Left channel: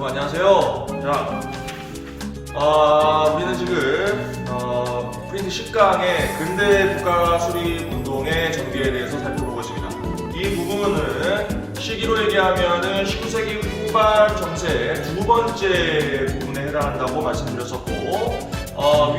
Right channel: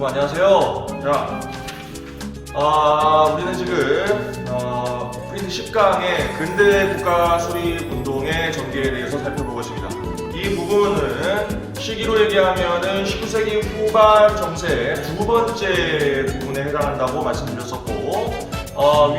여러분 안녕하세요. 우리는 지금 프린트 10강의 근대 국가 수립 운동의 전개에 대해서 살펴보고 있습니다. 이 부분은 시기로 얘기하면은 19세기 후반 정세 두 번째 부분에 해당한다고 말씀드렸었고,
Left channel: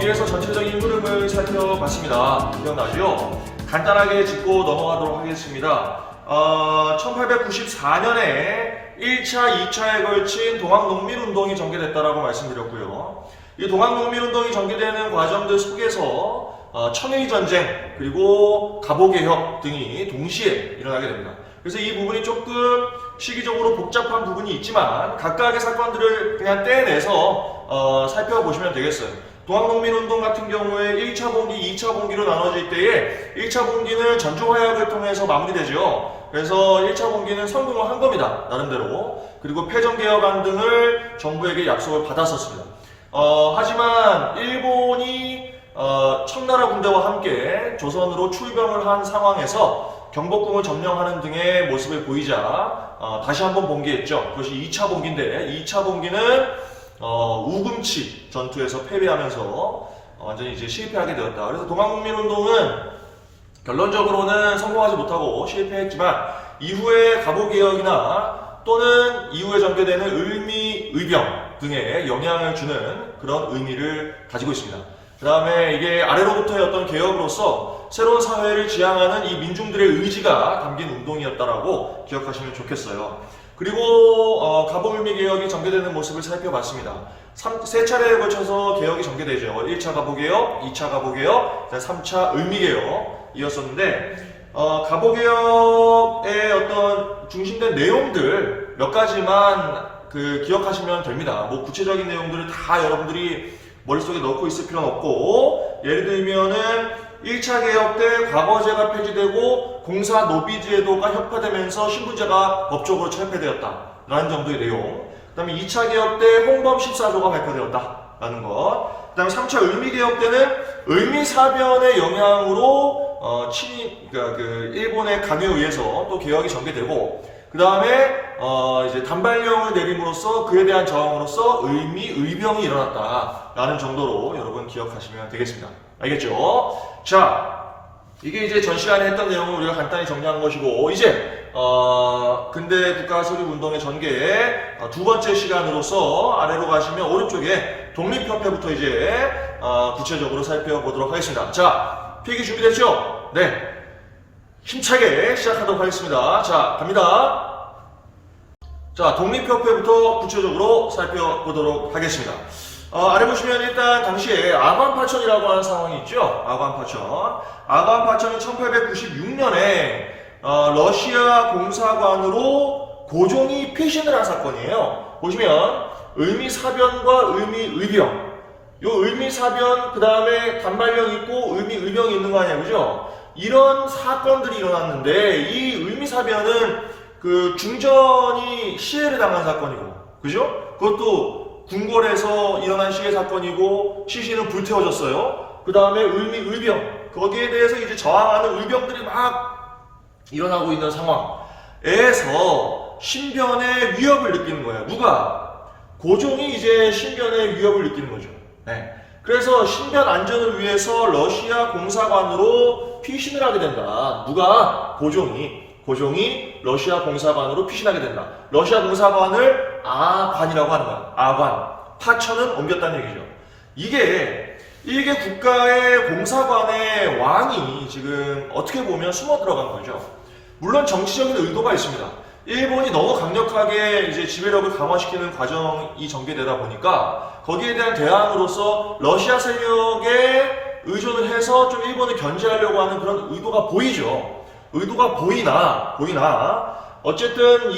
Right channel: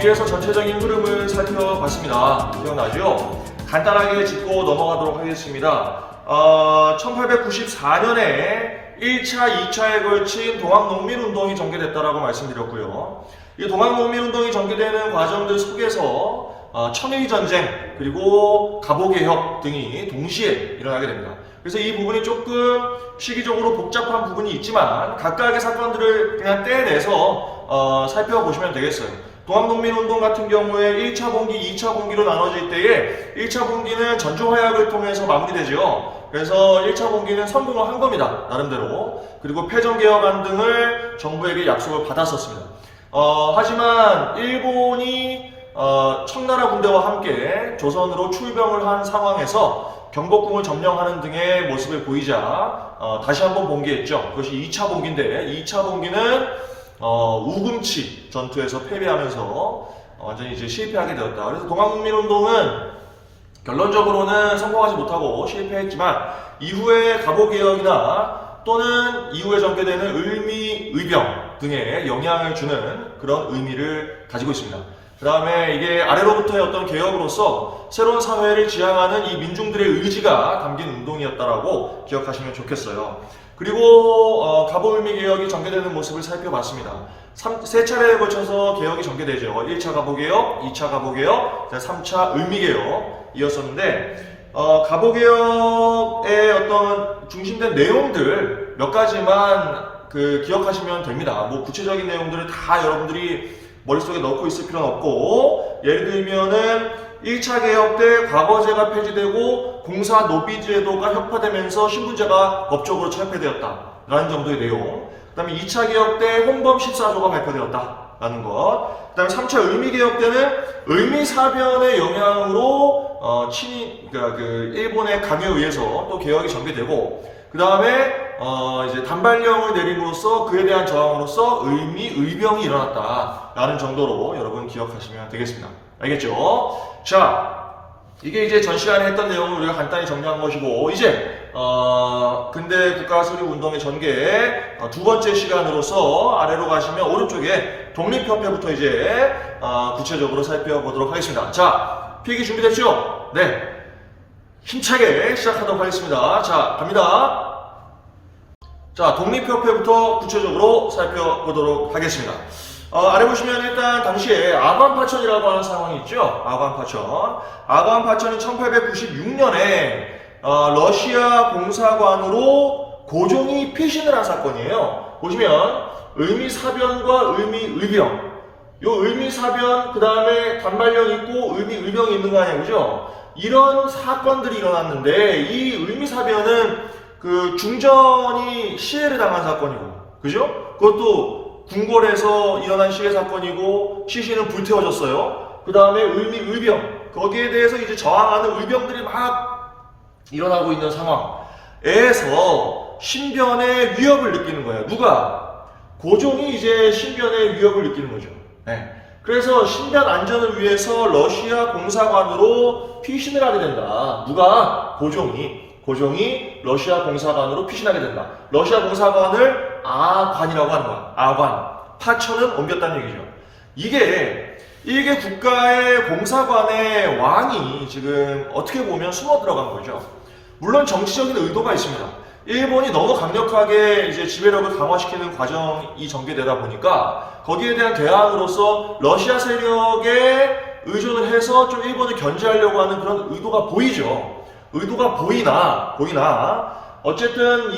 위에서 전체적인 흐름을 살펴봤습니다. 기억나죠? 간단하게 짚고 넘어가도록 하겠습니다. 1894년에 1차, 2차에 걸친 동학농민운동이 전개됐다라고 말씀드렸고요. 이 동학농민운동이 전개되는 과정들 속에서 청일전쟁 그리고 갑오개혁 등이 동시에 일어나게 됩니다. 그래서 이 부분이 조금 시기적으로 복잡한 부분이 있지만 각각의 사건들을 그냥 떼내서 살펴보시면 되겠어요. 동학농민운동 같은 경우에 1차 봉기, 2차 봉기로 나눠질 때에 1차 봉기는 전주화약을 통해서 마무리되죠. 그래서 1차 봉기는 성공을 한 겁니다. 나름대로. 그리고 패전개혁안 등을 정부에게 약속을 받았었습니다. 하지만 일본이 청나라 군대와 함께 조선으로 출병을 한 상황에서 경복궁을 점령하는 등의 모습을 보이자 다시 한번 봉기했죠. 그것이 2차 봉기인데 2차 봉기는 우금치 전투에서 패배하면서 완전히 이제 실패하게 되었다. 그래서 동학농민운동은 결론적으로는 성공하지 못하고 실패했지만 이후에 갑오개혁이나 또는 이후에 전개되는 을미의병 등에 영향을 주는 그런 의미를 가지고 있습니다. 그 다음에 이게 아래로부터의 어떤 개혁으로서 새로운 사회를 지향하는 이 민중들의 의지가 담긴 운동이었다라고 기억하시면 좋겠어요. 그리고 갑오을미개혁이 전개되는 모습을 살펴봤습니다. 세 차례에 걸쳐서 개혁이 전개되죠. 1차 갑오개혁, 2차 갑오개혁, 3차 을미개혁이었었는데 갑오개혁의 어떤 중심된 내용들 몇 가지만 기억하시면 됩니다. 뭐 구체적인 내용들을 다 여러분들이 머릿속에 넣고 있을 필요는 없고, 예를 들면은 1차 개혁 때 과거제가 폐지되고 공사 노비제도가 혁파되면서 신분제가 법적으로 철폐되었다 라는 정도의 내용. 그 다음에 2차 개혁 때 홍범 14조가 발표되었다 라는 것. 그 다음에 3차 을미개혁 때는 을미사변의 영향으로 그러니까 일본의 강요에 의해서 또 개혁이 전개되고, 그 다음에 이제 단발령을 내림으로써 그에 대한 저항으로서 을미의병이 일어났다 라는 정도로 여러분 기억하시면 되겠습니다. 알겠죠? 자, 이게 이제 전 시간에 했던 내용을 우리가 간단히 정리한 것이고, 이제 근대 국가 수립 운동의 전개 두 번째 시간으로서 아래로 가시면 오른쪽에 독립협회부터 이제 구체적으로 살펴보도록 하겠습니다. 자, 필기 준비됐죠? 네. 힘차게 시작하도록 하겠습니다. 자, 갑니다. 자, 독립협회부터 구체적으로 살펴보도록 하겠습니다. 아래 보시면 일단 당시에 아관파천이라고 하는 상황이 있죠. 아관파천이 1896년에 러시아 공사관으로 고종이 피신을 한 사건이에요. 보시면 을미사변과 을미의병, 요 을미사변 그 다음에 단발령 있고 을미의병이 있는 거 아니에요, 그죠? 이런 사건들이 일어났는데 이 을미사변은 중전이 시해를 당한 사건이고, 그죠? 그것도 궁궐에서 일어난 시해 사건이고 시신은 불태워졌어요. 그 다음에 을미의병, 거기에 대해서 이제 저항하는 의병들이 막 일어나고 있는 상황에서 신변의 위협을 느끼는 거예요. 누가? 고종이 이제 신변의 위협을 느끼는 거죠. 네. 그래서 신변 안전을 위해서 러시아 공사관으로 피신을 하게 된다. 누가? 고종이 러시아 공사관으로 피신하게 된다. 러시아 공사관을 아관이라고 하는 거야. 아관. 파천은 옮겼다는 얘기죠. 이게 국가의 공사관의 왕이 지금 어떻게 보면 숨어 들어간 거죠. 물론 정치적인 의도가 있습니다. 일본이 너무 강력하게 이제 지배력을 강화시키는 과정이 전개되다 보니까 거기에 대한 대항으로서 러시아 세력에 의존을 해서 좀 일본을 견제하려고 하는 그런 의도가 보이죠. 의도가 보이나 어쨌든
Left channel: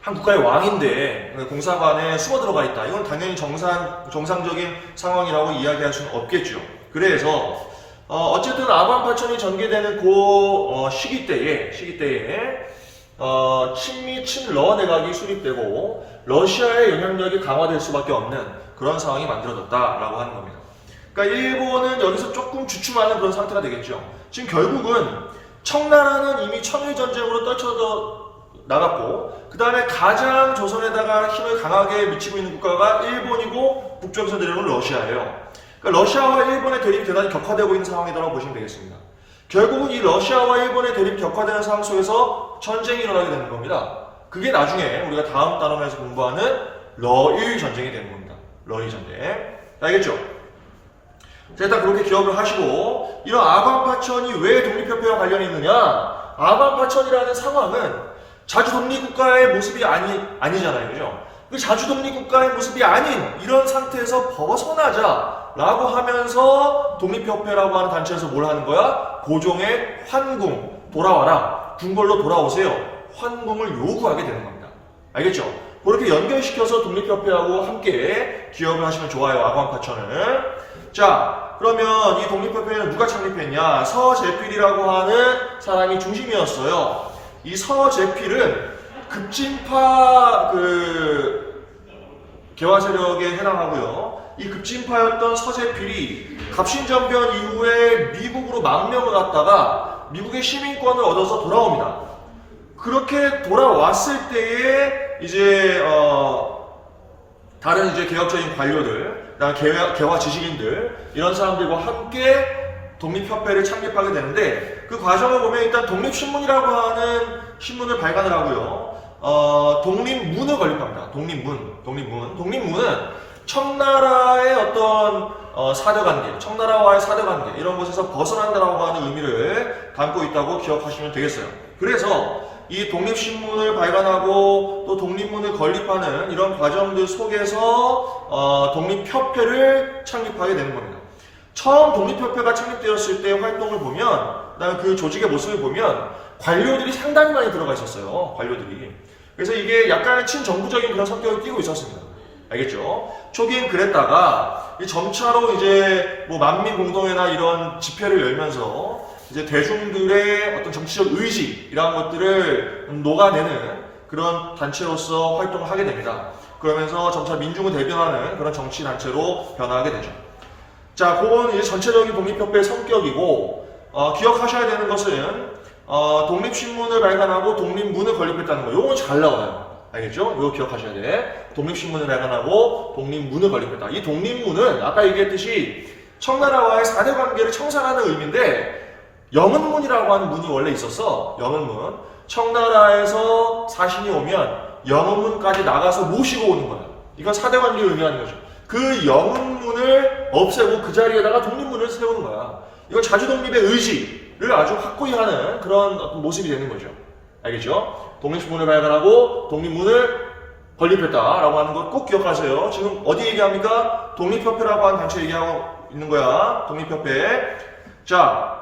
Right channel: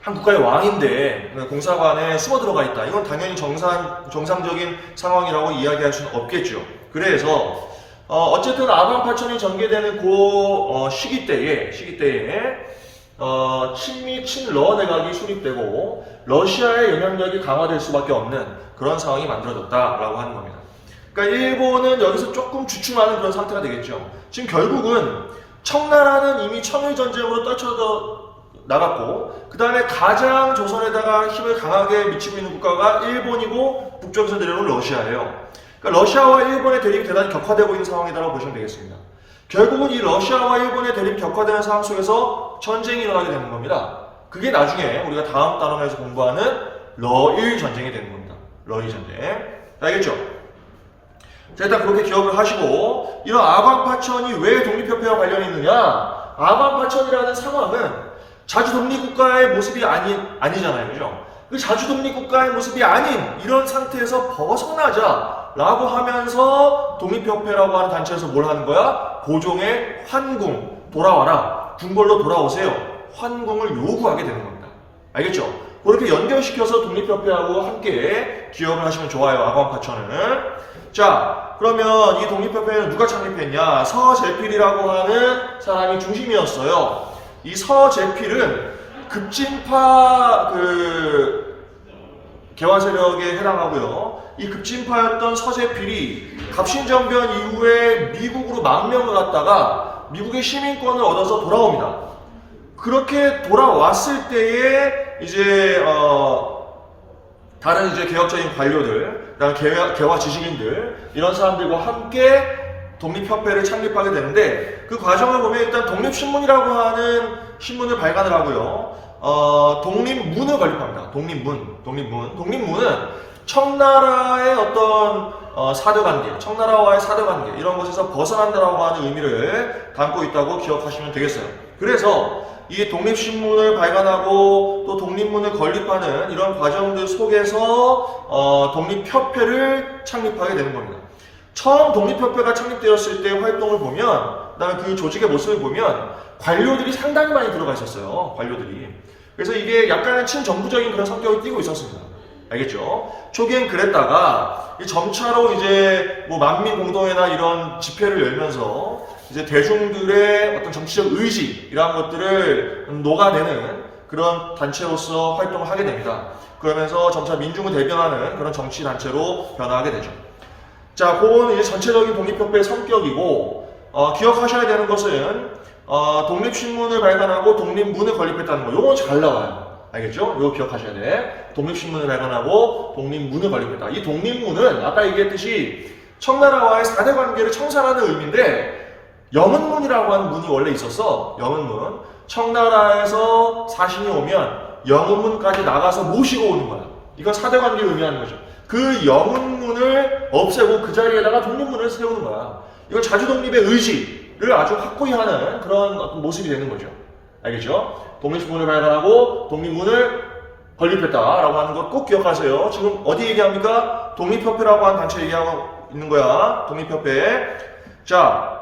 한 국가의 왕인데 공사관에 숨어 들어가 있다. 이건 당연히 정상적인 상황이라고 이야기할 수는 없겠죠. 그래서 어쨌든 아관파천이 전개되는 그 시기 때에 친미 친러 내각이 수립되고 러시아의 영향력이 강화될 수밖에 없는 그런 상황이 만들어졌다라고 하는 겁니다. 그러니까 일본은 여기서 조금 주춤하는 그런 상태가 되겠죠. 지금 결국은 청나라는 이미 청일전쟁으로 나갔고, 그 다음에 가장 조선에다가 힘을 강하게 미치고 있는 국가가 일본이고 북쪽에서 내려오는 러시아예요. 그러니까 러시아와 일본의 대립이 대단히 격화되고 있는 상황이라고 보시면 되겠습니다. 결국은 이 러시아와 일본의 대립이 격화되는 상황 속에서 전쟁이 일어나게 되는 겁니다. 그게 나중에 우리가 다음 단원에서 공부하는 러일 전쟁이 되는 겁니다. 러일 전쟁. 알겠죠? 자, 일단 그렇게 기억을 하시고, 이런 아광파천이 왜 독립협회와 관련이 있느냐? 아광파천이라는 상황은 자주 독립국가의 모습이 아니잖아요. 그죠? 그 자주 독립국가의 모습이 아닌 이런 상태에서 벗어나자라고 하면서 독립협회라고 하는 단체에서 뭘 하는 거야? 고종의 환궁, 돌아와라. 궁궐로 돌아오세요. 환궁을 요구하게 되는 겁니다. 알겠죠? 그렇게 연결시켜서 독립협회하고 함께 기억을 하시면 좋아요. 아광파천을. 자, 그러면 이 독립협회는 누가 창립했냐? 서재필이라고 하는 사람이 중심이었어요. 이 서재필은 급진파 개화 세력에 해당하고요. 이 급진파였던 서재필이 갑신정변 이후에 미국으로 망명을 갔다가 미국의 시민권을 얻어서 돌아옵니다. 그렇게 돌아왔을 때에 이제 다른 이제 개혁적인 관료들, 그다음 개화 지식인들 이런 사람들과 함께 독립협회를 창립하게 되는데, 그 과정을 보면 일단 독립신문이라고 하는 신문을 발간을 하고요. 독립문을 건립합니다. 독립문은 청나라의 어떤 사대관계, 청나라와의 사대관계 이런 것에서 벗어난다라고 하는 의미를 담고 있다고 기억하시면 되겠어요. 그래서 이 독립신문을 발간하고 또 독립문을 건립하는 이런 과정들 속에서 독립협회를 창립하게 되는 겁니다. 처음 독립협회가 창립되었을 때 활동을 보면, 그다음에 그 조직의 모습을 보면 관료들이 상당히 많이 들어가 있었어요. 관료들이. 그래서 이게 약간 친정부적인 그런 성격을 띠고 있었습니다. 알겠죠? 초기엔 그랬다가 점차로 이제 뭐 만민공동회나 이런 집회를 열면서 이제 대중들의 어떤 정치적 의지 이러한 것들을 녹아내는 그런 단체로서 활동을 하게 됩니다. 그러면서 점차 민중을 대변하는 그런 정치 단체로 변화하게 되죠. 자, 그거는 이제 전체적인 독립협회의 성격이고, 기억하셔야 되는 것은 독립신문을 발간하고 독립문을 건립했다는 거. 요건 잘 나와요. 알겠죠? 요거 기억하셔야 돼. 독립신문을 발간하고 독립문을 건립했다. 이 독립문은 아까 얘기했듯이 청나라와의 사대관계를 청산하는 의미인데, 영은문이라고 하는 문이 원래 있었어. 영은문. 청나라에서 사신이 오면 영은문까지 나가서 모시고 오는 거야. 이건 사대관계를 의미하는 거죠. 그 영은문을 없애고 그 자리에다가 독립문을 세우는 거야. 이건 자주독립의 의지를 아주 확고히 하는 그런 모습이 되는 거죠. 알겠죠? 독립신문을 발간하고 독립문을 건립했다라고 하는 것 꼭 기억하세요. 지금 어디 얘기합니까? 독립협회라고 하는 단체 얘기하고 있는 거야. 독립협회. 자,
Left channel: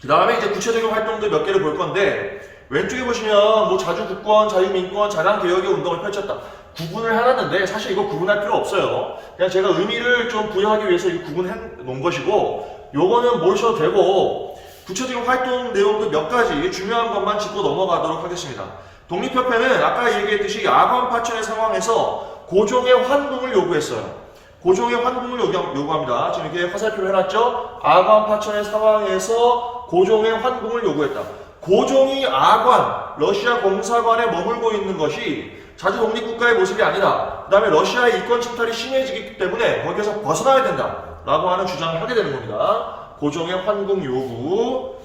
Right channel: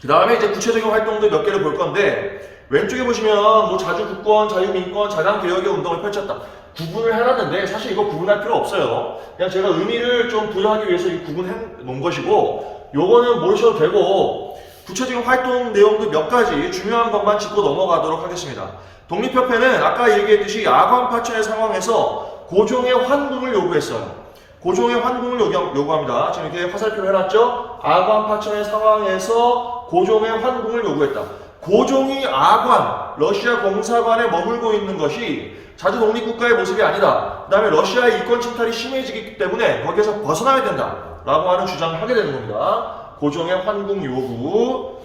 그 다음에 이제 구체적인 활동들 몇 개를 볼 건데, 왼쪽에 보시면 뭐 자주국권, 자유민권, 자강개혁의 운동을 펼쳤다. 구분을 해놨는데 사실 이거 구분할 필요 없어요. 그냥 제가 의미를 좀 부여하기 위해서 이 구분해 놓은 것이고, 요거는 모르셔도 되고, 구체적인 활동 내용들 몇 가지 중요한 것만 짚고 넘어가도록 하겠습니다. 독립협회는 아까 얘기했듯이 아광파천의 상황에서 고종의 환궁을 요구했어요. 고종의 환궁을 요구합니다. 지금 이렇게 화살표를 해놨죠? 아광파천의 상황에서 고종의 환궁을 요구했다. 고종이 아관, 러시아 공사관에 머물고 있는 것이 자주 독립국가의 모습이 아니다. 그 다음에 러시아의 이권 침탈이 심해지기 때문에 거기에서 벗어나야 된다. 라고 하는 주장을 하게 되는 겁니다. 고종의 환궁 요구,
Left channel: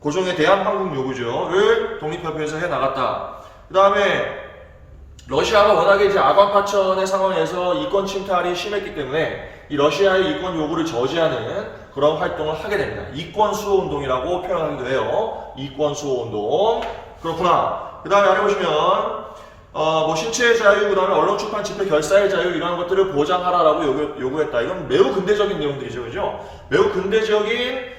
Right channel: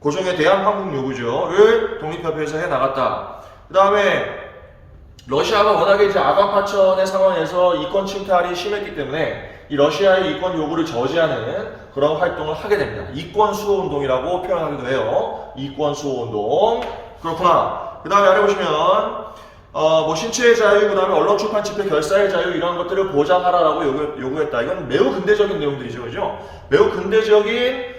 고종에 대한 환궁 요구를 독립협회에서 해나갔다. 그 다음에 러시아가 워낙에 이제 아광파천의 상황에서 이권 침탈이 심했기 때문에 이 러시아의 이권 요구를 저지하는 그런 활동을 하게 됩니다. 이권 수호 운동이라고 표현하기도 해요. 이권 수호 운동. 그렇구나. 그 다음에 아래 보시면 뭐 신체의 자유, 그 다음에 언론 출판 집회 결사의 자유 이런 것들을 보장하라라고 요구했다. 이건 매우 근대적인 내용들이죠, 그죠? 매우 근대적인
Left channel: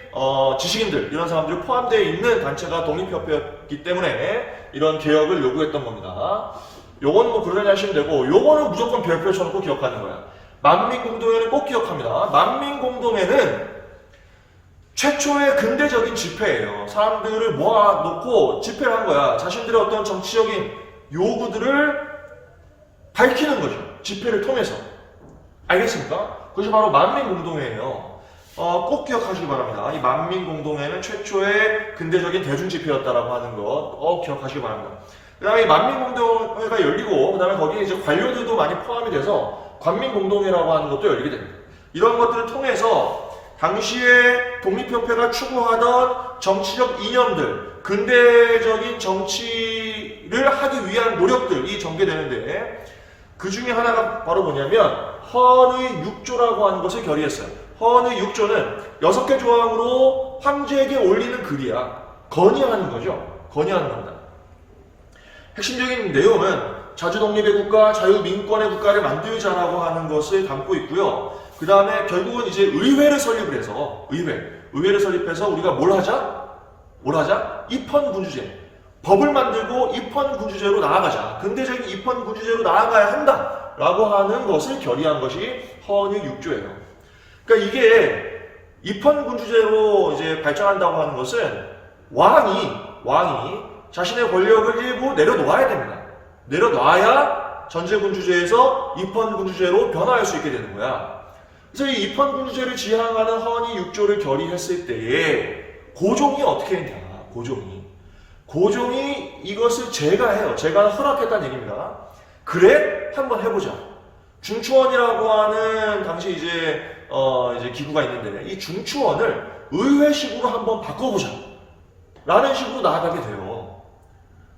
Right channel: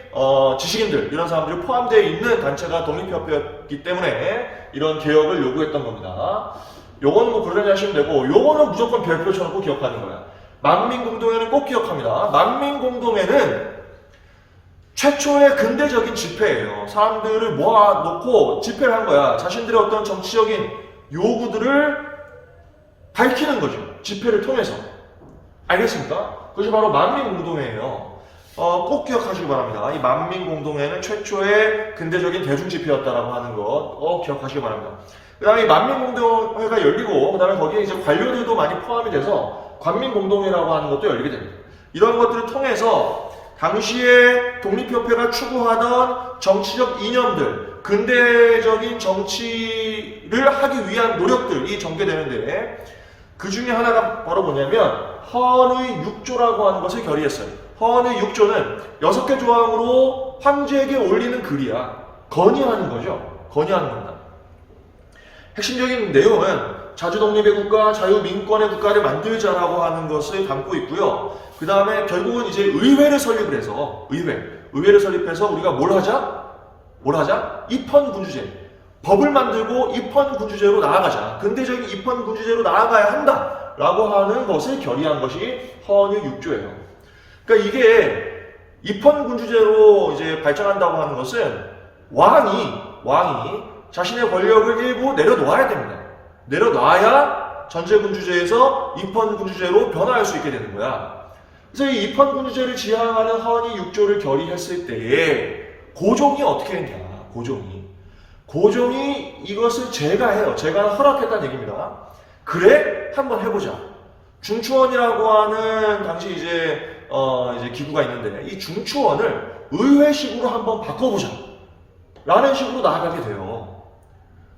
지식인들 이런 사람들이 포함되어 있는 단체가 독립협회였기 때문에 이런 개혁을 요구했던 겁니다. 요건 뭐 그러려니 하시면 되고, 요거는 무조건 별표 쳐놓고 기억하는 거야. 만민공동회는 꼭 기억합니다. 만민공동회는 최초의 근대적인 집회예요. 사람들을 모아놓고 집회를 한 거야. 자신들의 어떤 정치적인 요구들을 밝히는 거죠. 집회를 통해서. 알겠습니까? 그것이 바로 만민공동회예요. 꼭 기억하시기 바랍니다. 이 만민공동회는 최초의 근대적인 대중집회였다라고 하는 것 기억하시기 바랍니다. 그 다음에 만민공동회가 열리고, 그 다음에 거기에 이제 관료들도 많이 포함이 돼서 관민공동회라고 하는 것도 열리게 됩니다. 이런 것들을 통해서 당시에 독립협회가 추구하던 정치적 이념들, 근대적인 정치를 하기 위한 노력들이 전개되는데, 그 중에 하나가 바로 뭐냐면 헌의 6조라고 하는 것을 결의했어요. 헌의 6조는 6개 조항으로 황제에게 올리는 글이야. 건의하는 거죠. 건의하는 겁니다. 핵심적인 내용은 자주독립의 국가, 자유민권의 국가를 만들자라고 하는 것을 담고 있고요. 그 다음에 결국은 이제 의회를 설립을 해서 의회를 설립해서 우리가 뭘 하자? 입헌군주제. 법을 만들고 입헌군주제로 나아가자. 근대적인 입헌군주제로 나아가야 한다. 라고 하는 것을 결의한 것이 헌의 6조예요. 그러니까 이게 입헌군주제로 이제 발전한다고 하는 것은 왕이 자신의 권력을 일부 내려놓아야 됩니다. 내려놔야 전제군주제에서 입헌군주제로 변화할 수 있게 되는 거야. 그래서 이 입헌군주제를 지향하는 헌의 6조를 결의했을 때에 고종이 어떻게 했냐? 고종이 이것을 제가해요. 제가 허락했다는 얘기입니다. 그래? 한번 해보자. 중추원이라고 하는 당시 이제 기구가 있는데 이 중추원을 의회식으로 한번 바꿔보자. 라는 식으로 나아가게 돼요.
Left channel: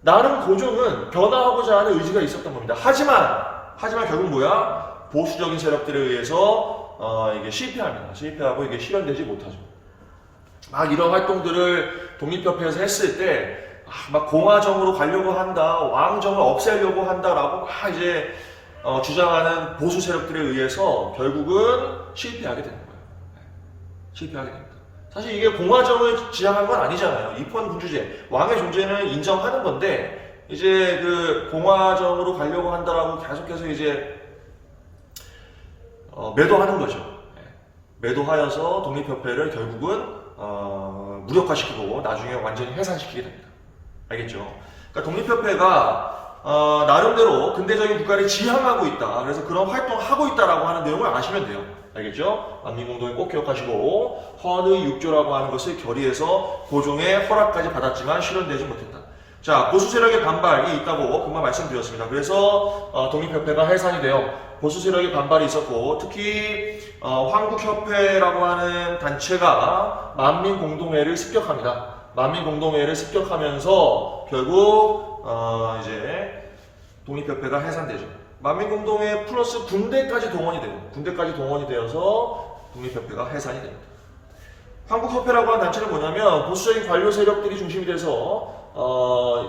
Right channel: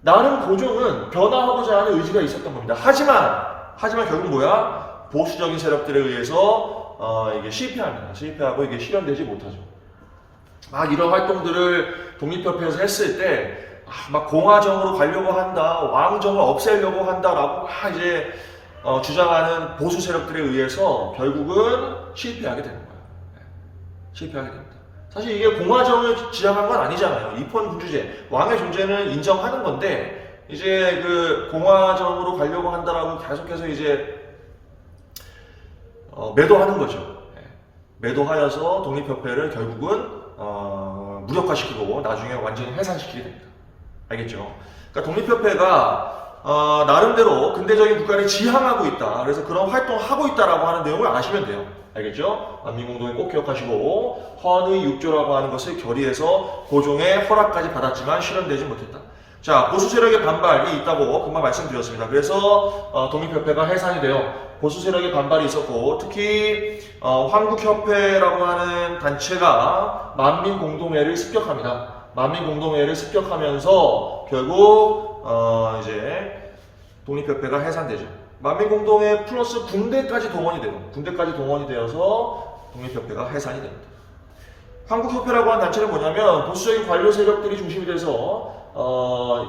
나름 고종은 변화하고자 하는 의지가 있었던 겁니다. 하지만 결국 뭐야? 보수적인 세력들에 의해서 이게 실패합니다. 실패하고 이게 실현되지 못하죠. 막 이런 활동들을 독립협회에서 했을 때 막 공화정으로 가려고 한다, 왕정을 없애려고 한다라고 막 이제 주장하는 보수 세력들에 의해서 결국은 실패하게 되는 거예요. 실패하게 됩니다. 사실 이게 공화정을 지향한 건 아니잖아요. 입헌군주제, 왕의 존재는 인정하는 건데 이제 그 공화정으로 가려고 한다라고 계속해서 이제 매도하는 거죠. 매도하여서 독립협회를 결국은 무력화시키고 나중에 완전히 해산시키게 됩니다. 알겠죠? 그러니까 독립협회가 나름대로 근대적인 국가를 지향하고 있다. 그래서 그런 활동을 하고 있다라고 하는 내용을 아시면 돼요. 알겠죠? 만민공동회 꼭 기억하시고 헌의 6조라고 하는 것을 결의해서 고종의 허락까지 받았지만 실현되지 못했다. 자, 보수 세력의 반발이 있다고 금방 말씀드렸습니다. 그래서 독립협회가 해산이 되어 보수 세력의 반발이 있었고 특히 황국협회라고 하는 단체가 만민공동회를 습격합니다. 만민공동회를 습격하면서 결국 이제 독립협회가 해산되죠. 만민공동회 플러스 군대까지 동원이 돼요. 군대까지 동원이 되어서 독립협회가 해산이 됩니다. 한국협회라고 하는 단체는 뭐냐면 보수적인 관료 세력들이 중심이 돼서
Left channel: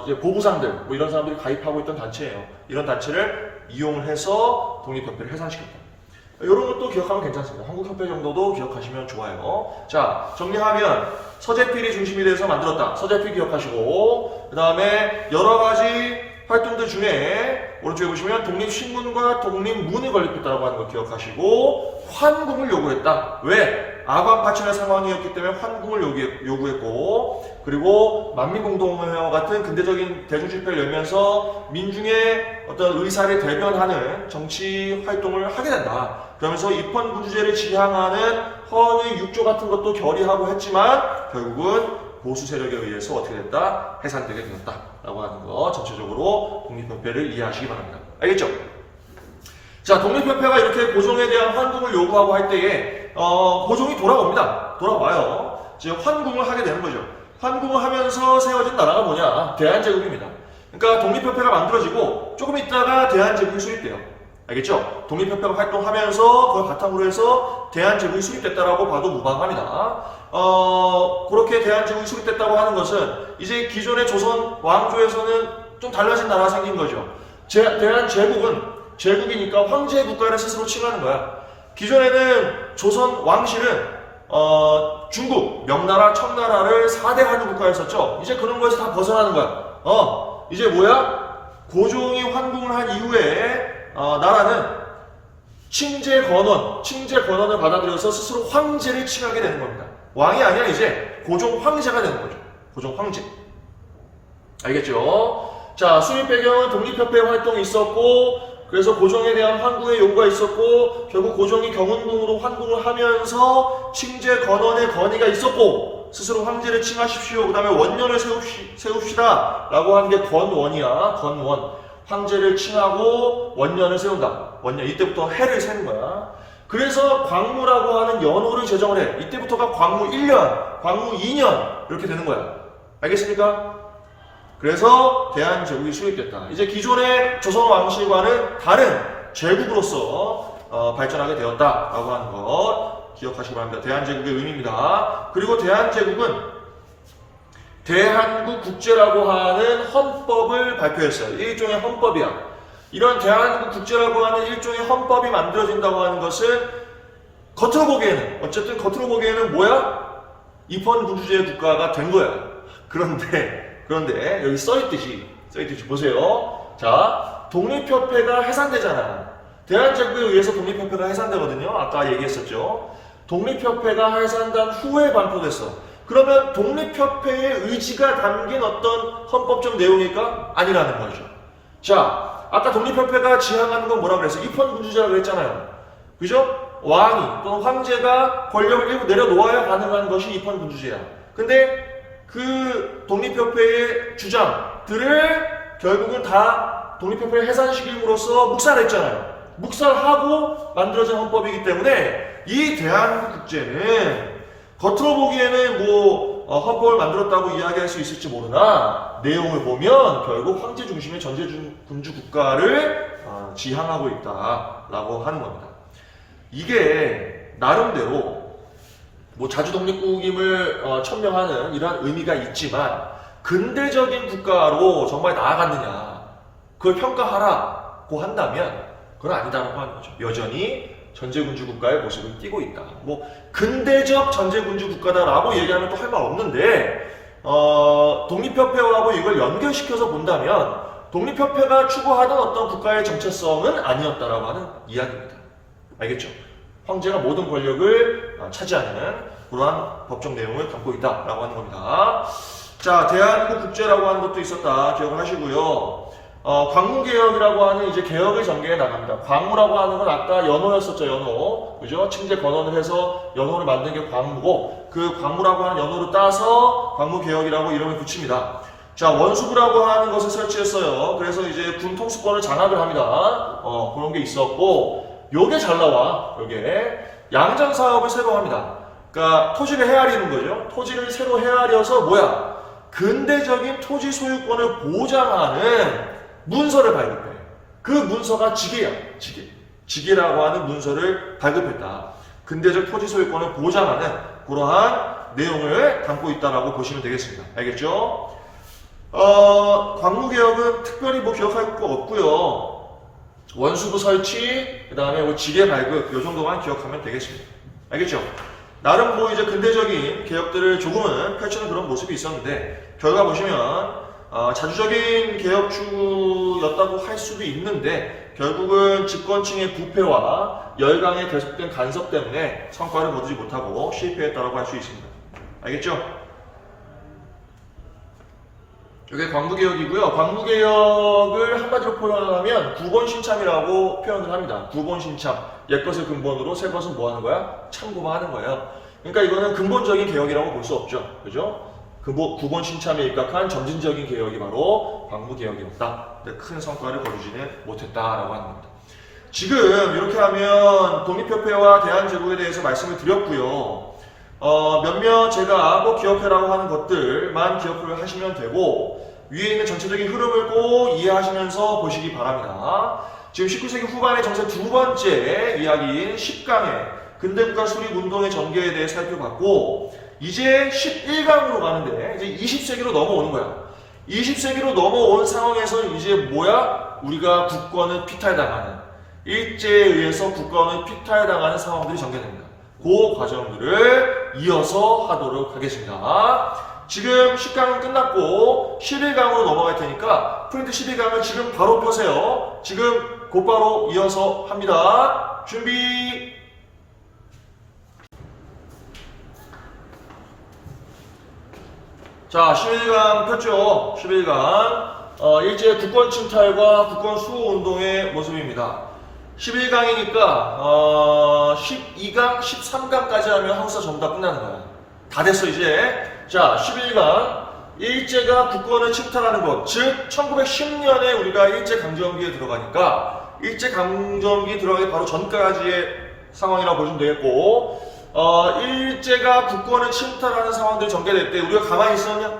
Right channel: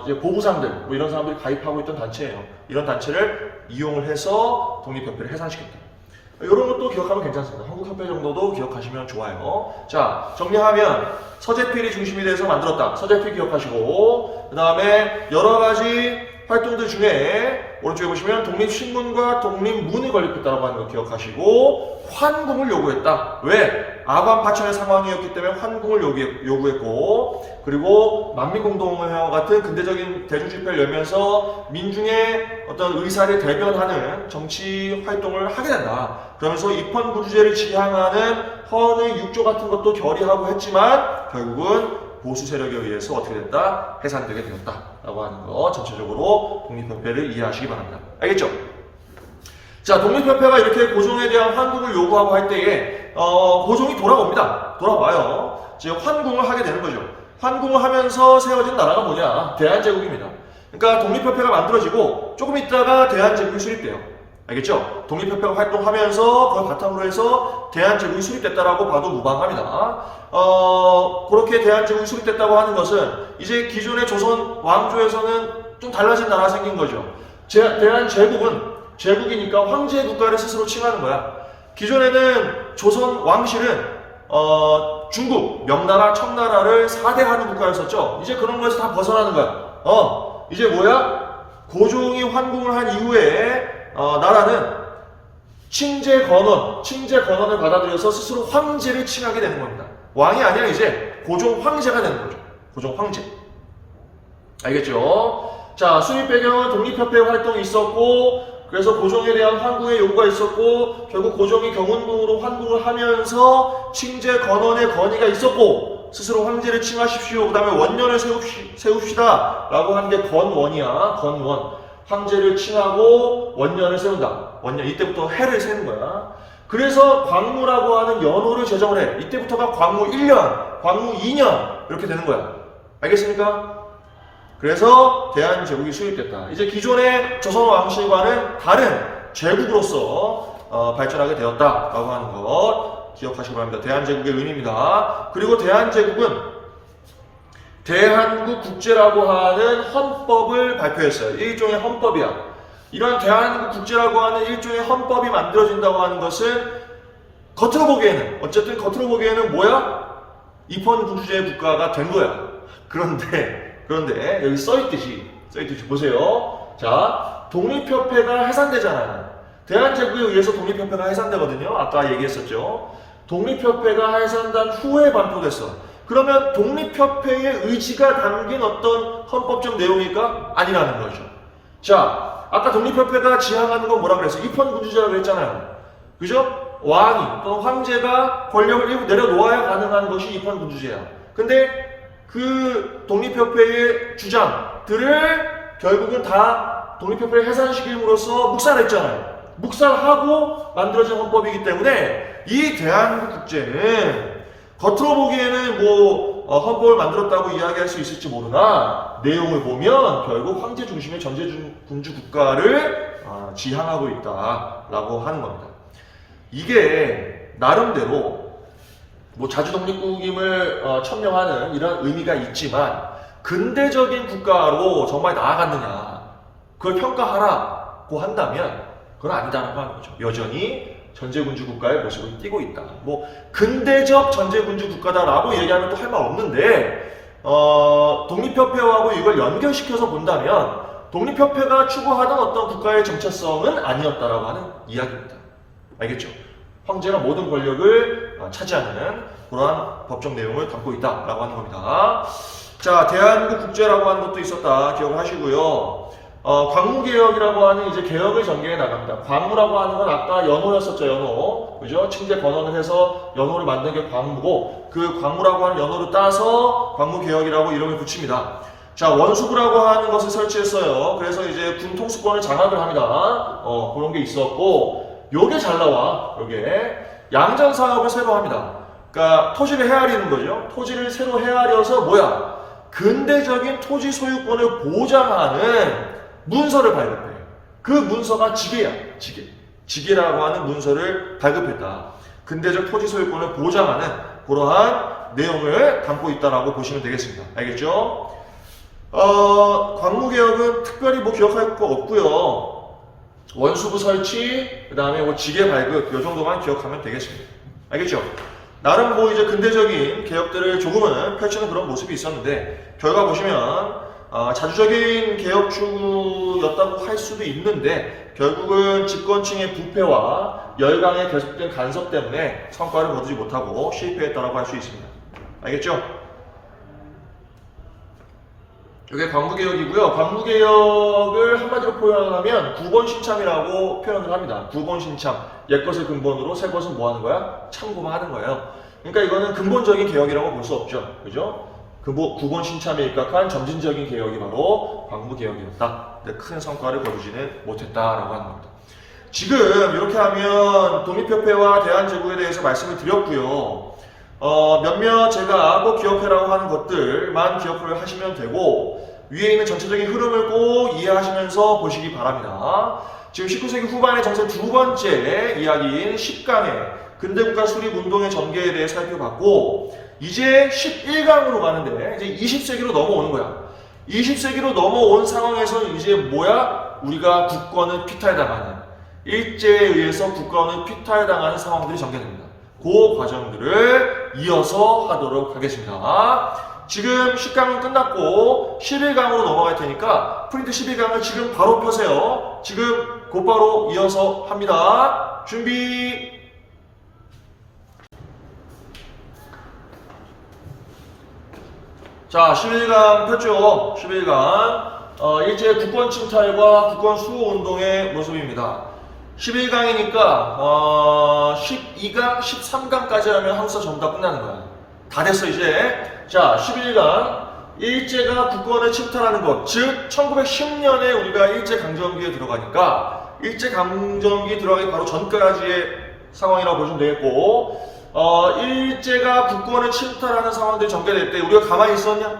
이제 보부상들 뭐 이런 사람들이 가입하고 있던 단체예요. 이런 단체를 이용을 해서 독립협회를 해산시켰다. 이런 것도 기억하면 괜찮습니다. 한국협회 정도도 기억하시면 좋아요. 자, 정리하면 서재필이 중심이 돼서 만들었다. 서재필 기억하시고 그 다음에 여러 가지 활동들 중에 오른쪽에 보시면 독립신문과 독립문이 건립했다고 하는 거 기억하시고 환궁을 요구했다. 왜? 아관 파천의 상황이었기 때문에 환궁을 요구했고 그리고 만민공동회와 같은 근대적인 대중집회를 열면서 민중의 어떤 의사를 대변하는 정치 활동을 하게 된다. 그러면서 입헌군주제를 지향하는 헌의 6조 같은 것도 결의하고 했지만 결국은 보수 세력에 의해서 어떻게 됐다? 해산되게 되었다. 라고 하는 거 전체적으로 독립협회를 이해하시기 바랍니다. 알겠죠? 자, 독립협회가 이렇게 고종에 대한 환궁을 요구하고 할 때에 고종이 돌아옵니다. 돌아와요. 이제 환궁을 하게 되는 거죠. 환궁을 하면서 세워진 나라가 뭐냐? 대한제국입니다. 그러니까 독립협회가 만들어지고 조금 있다가 대한제국이 수립돼요. 알겠죠? 독립협회가 활동하면서 그걸 바탕으로 해서 대한제국이 수립됐다라고 봐도 무방합니다. 그렇게 대한제국이 수립됐다고 하는 것은 이제 기존의 조선 왕조에서는 좀 달라진 나라가 생긴 거죠. 대한제국은 제국이니까 황제의 국가를 스스로 칭하는 거야. 기존에는 조선 왕실은 중국, 명나라, 청나라를 4대하는 국가였었죠. 이제 그런 거에서 다 벗어나는 거야. 이제 뭐야? 고종이 환궁을 한 이후에 나라는 칭제건원을 받아들여서 스스로 황제를 칭하게 되는 겁니다. 왕이 아니라 이제 고종 황제가 되는 거죠. 고종 황제. 알겠죠? 자, 수립 배경은 독립협회 활동이 있었고 그래서 고종에 대한 환궁의 요구가 있었고 결국 고종이 경운궁으로 환궁을 하면서 칭제건원의 건의가 있었고 스스로 황제를 칭하십시오. 그 다음에 원년을 세웁시다 라고 한 게 건원이야. 건원. 황제를 칭하고 원년을 세운다. 원년. 이때부터 해를 세는 거야. 그래서 광무라고 하는 연호를 제정을 해. 이때부터가 광무 1년, 광무 2년 이렇게 되는 거야. 알겠습니까? 그래서 대한제국이 수립됐다. 이제 기존의 조선 왕실과는 다른 제국으로서 발전하게 되었다라고 하는 것 기억하시기 바랍니다. 대한제국의 의미입니다. 그리고 대한제국은 대한국국제라고 하는 헌법을 발표했어요. 일종의 헌법이야. 이런 대한국국제라고 하는 일종의 헌법이 만들어진다고 하는 것은 겉으로 보기에는 뭐야? 입헌군주제 국가가 된 거야. 그런데 여기 써있듯이 보세요. 자, 독립협회가 해산되잖아요. 대한제국에 의해서 독립협회가 해산되거든요. 아까 얘기했었죠. 독립협회가 해산된 후에 반포됐어. 그러면 독립협회의 의지가 담긴 어떤 헌법적 내용일까? 아니라는 거죠. 자, 아까 독립협회가 지향하는 건 뭐라 그랬어요? 입헌군주제라고 했잖아요. 그죠? 왕이 또는 황제가 권력을 일부 내려놓아야 가능한 것이 입헌군주제야. 근데 그 독립협회의 주장들을 결국은 다 독립협회를 해산시킴으로써 묵살했잖아요. 묵살하고 만들어진 헌법이기 때문에 이 대한국국제는 겉으로 보기에는 헌법을 만들었다고 이야기할 수 있을지 모르나 내용을 보면 결국 황제 중심의 전제군주 국가를 지향하고 있다라고 하는 겁니다. 이게 나름대로 자주 독립국임을 천명하는 이런 의미가 있지만 근대적인 국가로 정말 나아갔느냐 그걸 평가하라고 한다면 그건 아니다라고 하는 거죠. 여전히 전제군주 국가의 모습을 띠고 있다. 근대적 전제군주 국가다라고 얘기하면 또 할 말 없는데 독립협회하고 이걸 연결시켜서 본다면 독립협회가 추구하던 어떤 국가의 정체성은 아니었다라고 하는 이야기입니다. 알겠죠? 황제가 모든 권력을 차지하는 그러한 법적 내용을 담고 있다라고 하는 겁니다. 자, 대한국국제라고 하는 것도 있었다. 기억을 하시고요. 광무개혁이라고 하는 이제 개혁의 전개에 나갑니다. 광무라고 하는 건 아까 연호였었죠, 연호. 그죠? 칭제 건원을 해서 연호를 만든 게 광무고, 그 광무라고 하는 연호를 따서 광무개혁이라고 이름을 붙입니다. 자, 원수부라고 하는 것을 설치했어요. 그래서 이제 군 통수권을 장악을 합니다. 그런 게 있었고, 요게 잘 나와. 요게. 양전 사업을 새로 합니다. 그러니까 토지를 헤아리는 거죠. 토지를 새로 헤아려서 근대적인 토지 소유권을 보장하는 문서를 발급해. 그 문서가 지계야. 지계라고 하는 문서를 발급했다. 근대적 토지 소유권을 보장하는 그러한 내용을 담고 있다라고 보시면 되겠습니다. 알겠죠? 광무개혁은 특별히 기억할 거 없고요. 원수부 설치, 그 다음에 지계 발급, 요 정도만 기억하면 되겠습니다. 알겠죠? 나름 이제 근대적인 개혁들을 조금은 펼치는 그런 모습이 있었는데, 결과 보시면, 자주적인 개혁 추구였다고 할 수도 있는데, 결국은 집권층의 부패와 열강의 계속된 간섭 때문에 성과를 거두지 못하고 실패했다라고 할 수 있습니다. 알겠죠? 이게 광무개혁이고요. 광무개혁을 한마디로 표현하면 구본신참이라고 표현을 합니다. 구본신참. 옛것을 근본으로 새것은 뭐 하는 거야? 참고만 하는 거예요. 그러니까 이거는 근본적인 개혁이라고 볼 수 없죠. 그죠? 구본신참에 입각한 점진적인 개혁이 바로 광무개혁이었다. 큰 성과를 거두지는 못했다라고 하는 겁니다. 지금 이렇게 하면 독립협회와 대한제국에 대해서 말씀을 드렸고요. 몇몇 제가 기억해라고 하는 것들만 기억을 하시면 되고, 위에 있는 전체적인 흐름을 꼭 이해하시면서 보시기 바랍니다. 지금 19세기 후반의 정세 두 번째 이야기인 10강의 근대국가 수립운동의 전개에 대해 살펴봤고, 이제 11강으로 가는데 이제 20세기로 넘어오는 거야. 20세기로 넘어온 상황에서 이제 우리가 국권을 피탈당하는, 일제에 의해서 국권을 피탈당하는 상황들이 전개됩니다. 그 과정들을 이어서 하도록 하겠습니다. 지금 10강은 끝났고 11강으로 넘어갈 테니까 프린트 11강을 지금 바로 펴세요. 지금 곧바로 이어서 합니다. 준비. 자, 11강 폈죠. 11강. 일제 국권 침탈과 국권 수호 운동의 모습입니다. 11강이니까 12강, 13강까지 하면 한국사 전부 다 끝나는 거야. 다 됐어 이제. 자, 11강 일제가 국권을 침탈하는 것, 즉 1910년에 우리가 일제강점기에 들어가니까 일제강점기 들어가기 바로 전까지의 상황이라고 보시면 되겠고, 일제가 국권을 침탈하는 상황들이 전개될 때 우리가 가만히 있었냐?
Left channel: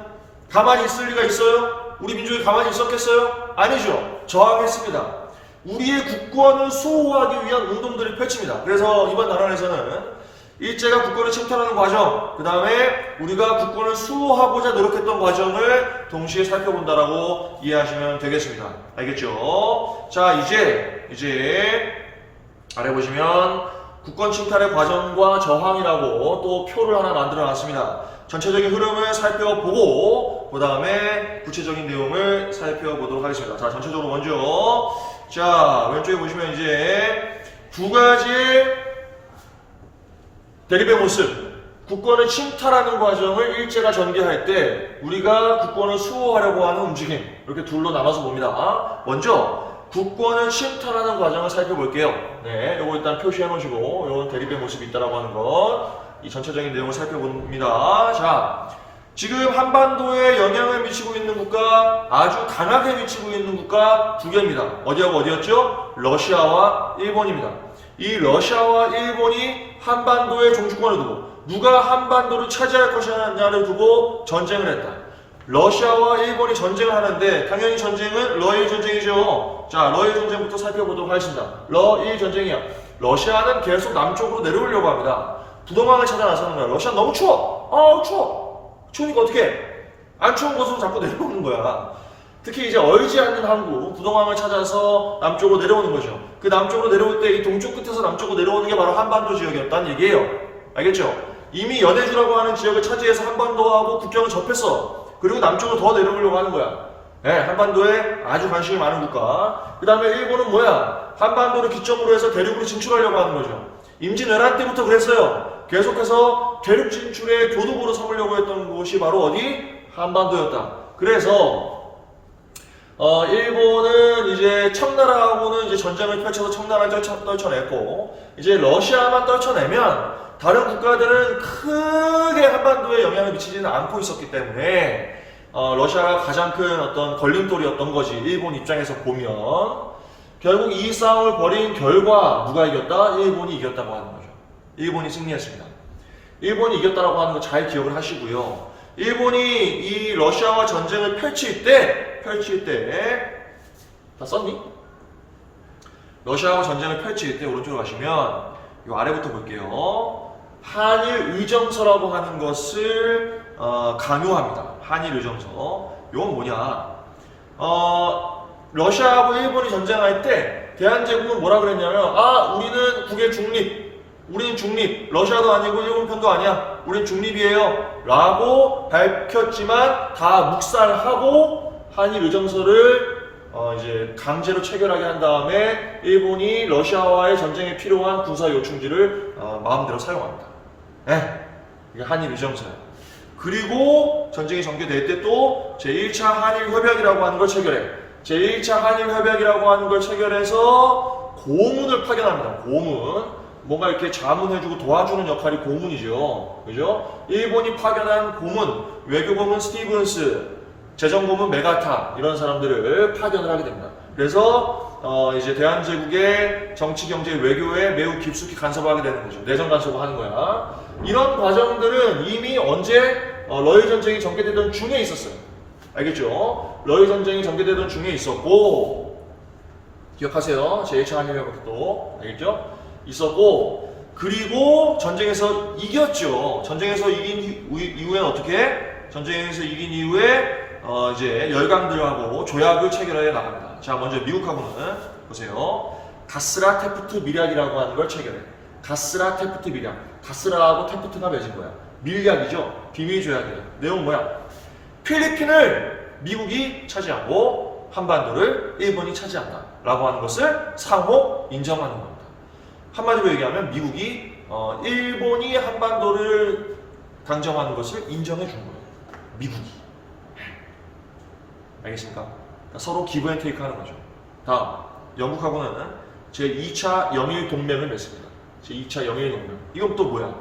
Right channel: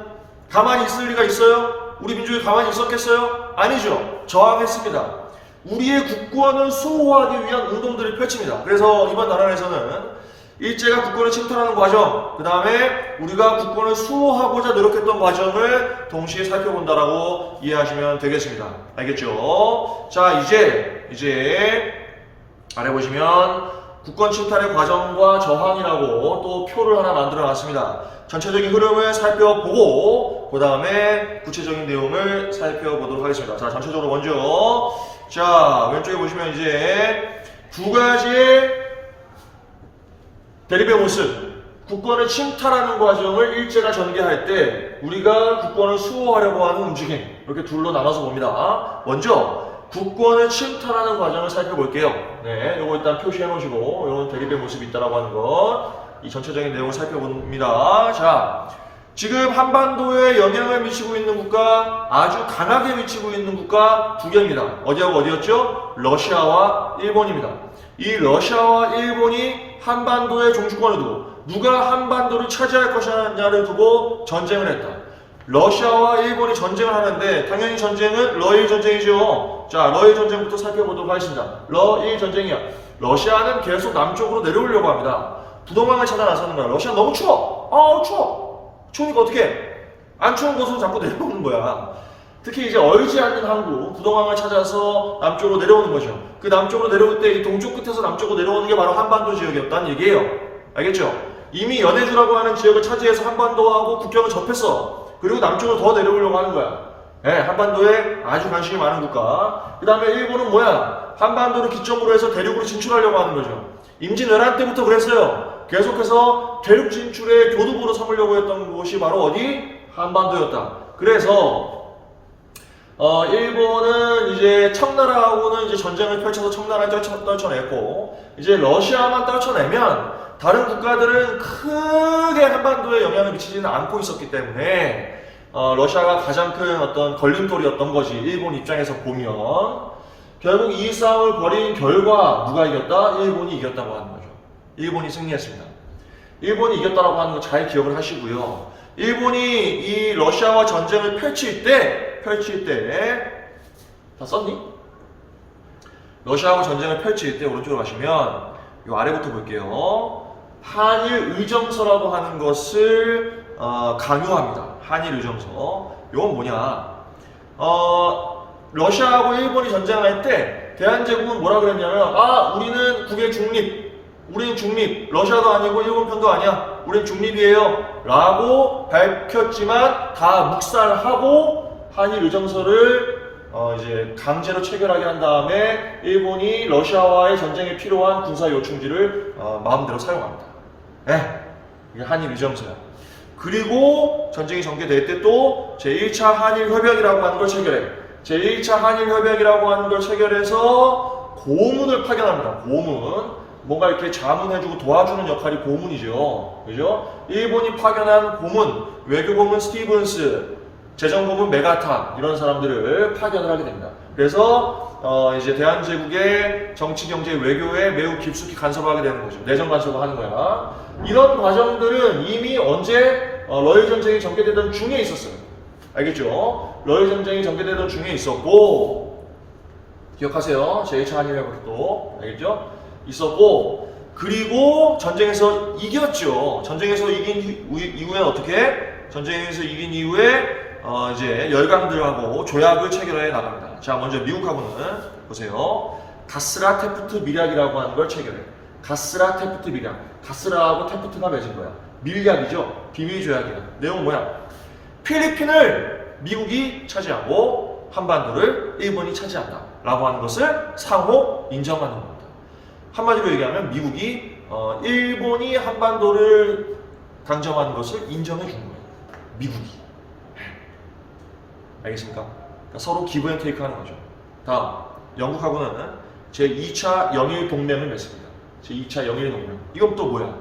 가만히 있을 리가 있어요? 우리 민족이 가만히 있었겠어요? 아니죠. 저항했습니다. 우리의 국권을 수호하기 위한 운동들을 펼칩니다. 그래서 이번 나라에서는 일제가 국권을 침탈하는 과정, 그 다음에 우리가 국권을 수호하고자 노력했던 과정을 동시에 살펴본다라고 이해하시면 되겠습니다. 알겠죠? 자, 이제 아래 보시면 국권 침탈의 과정과 저항이라고 또 표를 하나 만들어 놨습니다. 전체적인 흐름을 살펴보고 그 다음에 구체적인 내용을 살펴보도록 하겠습니다. 자, 전체적으로 먼저 자, 왼쪽에 보시면 이제 두 가지의 대립의 모습, 국권을 침탈하는 과정을 일제가 전개할 때 우리가 국권을 수호하려고 하는 움직임, 이렇게 둘로 나눠서 봅니다. 먼저 국권을 침탈하는 과정을 살펴볼게요. 네, 요거 일단 표시해 놓으시고 요건 대립의 모습이 있다라고 하는 것, 이 전체적인 내용을 살펴봅니다. 자, 지금 한반도에 영향을 미치고 있는 국가, 아주 강하게 미치고 있는 국가 두 개입니다. 어디하고 어디였죠? 러시아와 일본입니다. 이 러시아와 일본이 한반도의 종주권을 두고 누가 한반도를 차지할 것이냐를 두고 전쟁을 했다. 러시아와 일본이 전쟁을 하는데 당연히 전쟁은 러일 전쟁이죠. 자, 러일 전쟁부터 살펴보도록 하겠습니다. 러일 전쟁이야. 러시아는 계속 남쪽으로 내려오려고 합니다. 부동강을 찾아 나서는 거야. 러시아 너무 추워. 추워. 추우니까 어떻게 해? 안 추운 곳으로 자꾸 내려오는 거야. 특히 이제 얼지 않는 항구, 부동항을 찾아서 남쪽으로 내려오는 거죠. 그 남쪽으로 내려올 때 이 동쪽 끝에서 남쪽으로 내려오는 게 바로 한반도 지역이었다는 얘기예요. 알겠죠? 이미 연해주라고 하는 지역을 차지해서 한반도하고 국경을 접했어. 그리고 남쪽으로 더 내려오려고 하는 거야. 네, 한반도에 아주 관심이 많은 국가. 그 다음에 일본은 뭐야? 한반도를 기점으로 해서 대륙으로 진출하려고 하는 거죠. 임진왜란 때부터 그랬어요. 계속해서 대륙 진출의 교두보로 삼으려고 했던 곳이 바로 어디? 한반도였다. 그래서 일본은 이제 청나라하고는 이제 전쟁을 펼쳐서 청나라를 떨쳐냈고, 이제 러시아만 떨쳐내면 다른 국가들은 크게 한반도에 영향을 미치지는 않고 있었기 때문에 러시아가 가장 큰 어떤 걸림돌이었던 거지. 일본 입장에서 보면 결국 이 싸움을 벌인 결과 누가 이겼다? 일본이 이겼다고 하는 거죠. 일본이 승리했습니다. 일본이 이겼다고 하는 거 잘 기억을 하시고요. 일본이 이 러시아와 전쟁을 펼칠 때 다 썼니? 러시아하고 전쟁을 펼칠 때 오른쪽으로 가시면 요 아래부터 볼게요. 한일 의정서라고 하는 것을 강요합니다. 한일 의정서. 이건 뭐냐? 러시아하고 일본이 전쟁할 때 대한제국은 뭐라 그랬냐면, 우리는 국의 중립, 우리는 중립, 러시아도 아니고 일본 편도 아니야, 우리는 중립이에요 라고 밝혔지만 다 묵살하고 한일 의정서를 이제 강제로 체결하게 한 다음에 일본이 러시아와의 전쟁에 필요한 군사 요충지를 마음대로 사용합니다. 네, 이게 한일 의정서야. 그리고 전쟁이 전개될 때 또 제1차 한일협약이라고 하는 걸 체결해. 제1차 한일협약이라고 하는 걸 체결해서 고문을 파견합니다. 고문. 뭔가 이렇게 자문해주고 도와주는 역할이 고문이죠. 그죠? 일본이 파견한 고문, 외교고문 스티븐스, 재정고문 메가타, 이런 사람들을 파견을 하게 됩니다. 그래서 이제 대한제국의 정치, 경제, 외교에 매우 깊숙이 간섭하게 되는 거죠. 내정 간섭을 하는 거야. 이런 과정들은 이미 언제 러일 전쟁이 전개되던 중에 있었어요. 알겠죠? 러일 전쟁이 전개되던 중에 있었고, 기억하세요. 제1차 한일협약도. 알겠죠? 있었고, 그리고 전쟁에서 이겼죠. 전쟁에서 이긴 이후에는 어떻게? 전쟁에서 이긴 이후에 이제 열강들하고 조약을 체결해 나갑니다. 자, 먼저 미국하고는 보세요. 가스라 테프트 밀약이라고 하는 걸 체결해. 가스라 테프트 밀약. 가스라하고 테프트가 맺은 거야. 밀약이죠. 비밀 조약이야. 내용은 뭐야? 필리핀을 미국이 차지하고 한반도를 일본이 차지한다 라고 하는 것을 상호 인정하는 겁니다. 한마디로 얘기하면 미국이 일본이 한반도를 강정하는 것을 인정해 준 거예요. 미국이. 알겠습니까? 그러니까 서로 기브 앤 테이크 하는 거죠. 다음, 영국하고는 제2차 영일 동맹을 맺습니다. 제2차 영일 동맹. 이건 또 뭐야?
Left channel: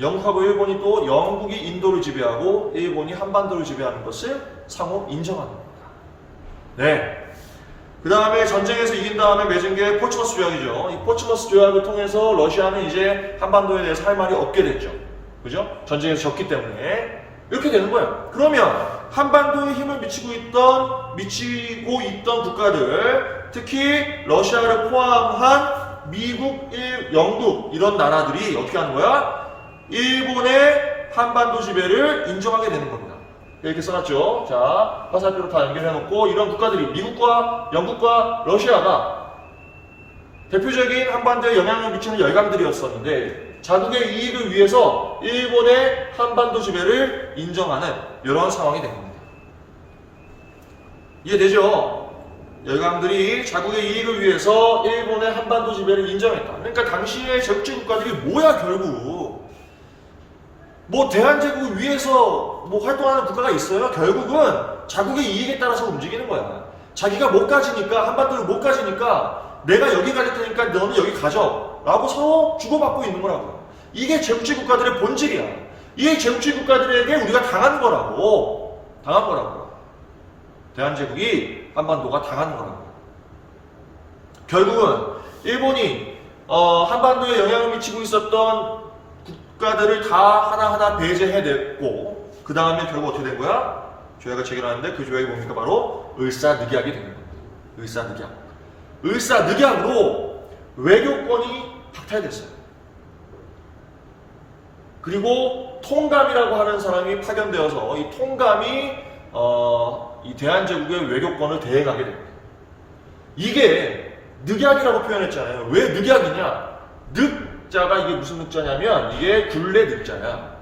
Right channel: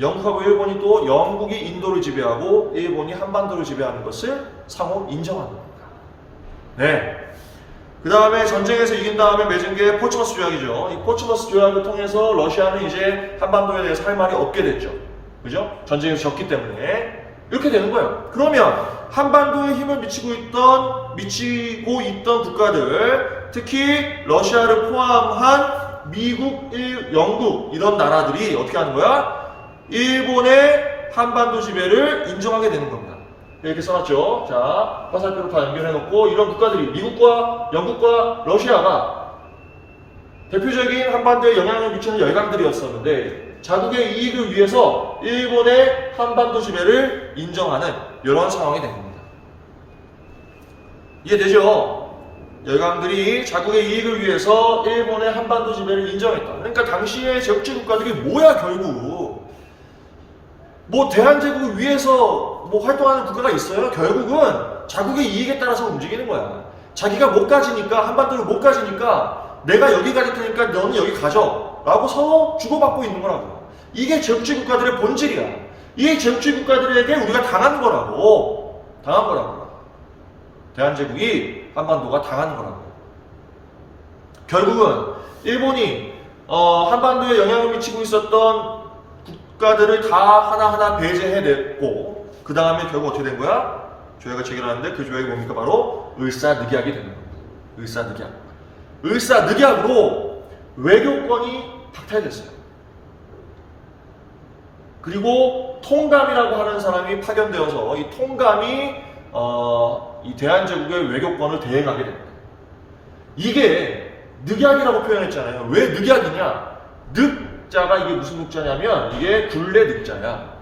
영국하고 일본이 또 영국이 인도를 지배하고 일본이 한반도를 지배하는 것을 상호 인정하는 겁니다. 네. 그 다음에 전쟁에서 이긴 다음에 맺은 게 포츠머스 조약이죠. 이 포츠머스 조약을 통해서 러시아는 이제 한반도에 대해서 할 말이 없게 됐죠. 그죠? 전쟁에서 졌기 때문에. 이렇게 되는 거예요. 그러면 한반도에 힘을 미치고 있던 국가들, 특히 러시아를 포함한 미국, 영국 이런 나라들이 어떻게 하는 거야? 일본의 한반도 지배를 인정하게 되는 겁니다. 이렇게 써놨죠. 자, 화살표로 다 연결해놓고 이런 국가들이 미국과 영국과 러시아가 대표적인 한반도에 영향을 미치는 열강들이었었는데 자국의 이익을 위해서 일본의 한반도 지배를 인정하는 이런 상황이 된 겁니다. 이해되죠? 열강들이 자국의 이익을 위해서 일본의 한반도 지배를 인정했다. 그러니까 당시의 제국주의 국가들이 뭐야 결국? 뭐 대한제국을 위해서 뭐 활동하는 국가가 있어요? 결국은 자국의 이익에 따라서 움직이는 거야. 자기가 못 가지니까, 한반도를 못 가지니까 내가 여기 가질 테니까 너는 여기 가져 라고 서로 주고받고 있는 거라고요. 이게 제국주의 국가들의 본질이야. 이게 제국주의 국가들에게 우리가 당하는 거라고. 당한 거라고요. 대한제국이 한반도가 당하는 거라고요. 결국은 일본이 한반도에 영향을 미치고 있었던 국가들을 다 하나하나 배제해냈고 그 다음에 결국 어떻게 된 거야? 조약을 체결하는데 그 조약이 뭡니까? 바로 을사늑약이 된 겁니다. 을사늑약. 을사늑약으로 외교권이 박탈됐어요. 그리고 통감이라고 하는 사람이 파견되어서 이 통감이 이 대한제국의 외교권을 대행하게 됩니다. 이게 늑약이라고 표현했잖아요. 왜 늑약이냐? 늑자가 이게 무슨 늑자냐면 이게 굴레 늑자야.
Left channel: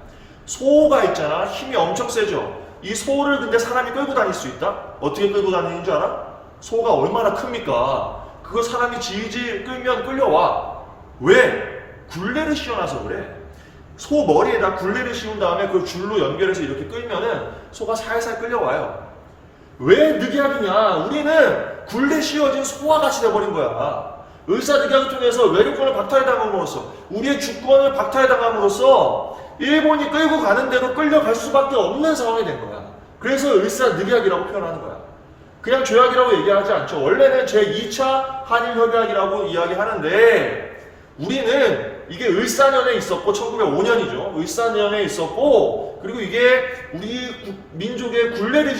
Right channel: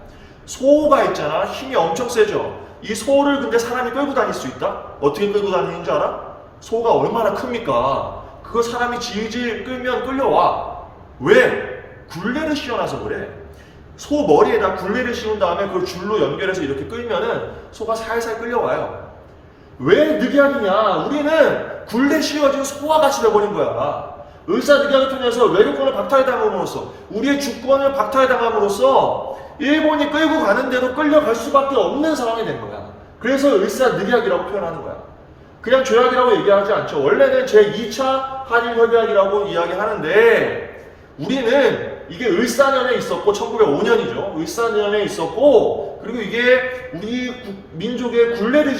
소가 있잖아. 힘이 엄청 세죠. 이 소를 근데 사람이 끌고 다닐 수 있다? 어떻게 끌고 다니는 줄 알아? 소가 얼마나 큽니까? 그거 사람이 질질 끌면 끌려와. 왜? 굴레를 씌워놔서 그래. 소 머리에다 굴레를 씌운 다음에 그걸 줄로 연결해서 이렇게 끌면은 소가 살살 끌려와요. 왜 늑약이냐? 우리는 굴레 씌워진 소와 같이 돼버린 거야. 을사늑약을 통해서 외교권을 박탈당함으로써 우리의 주권을 박탈당함으로써 일본이 끌고 가는 대로 끌려갈 수밖에 없는 상황이 된 거야. 그래서 을사늑약이라고 표현하는 거야. 그냥 조약이라고 얘기하지 않죠. 원래는 제2차 한일협약이라고 이야기하는데 우리는 이게 을사년에 있었고 1905년이죠. 을사년에 있었고 그리고 이게 우리 민족의 굴레를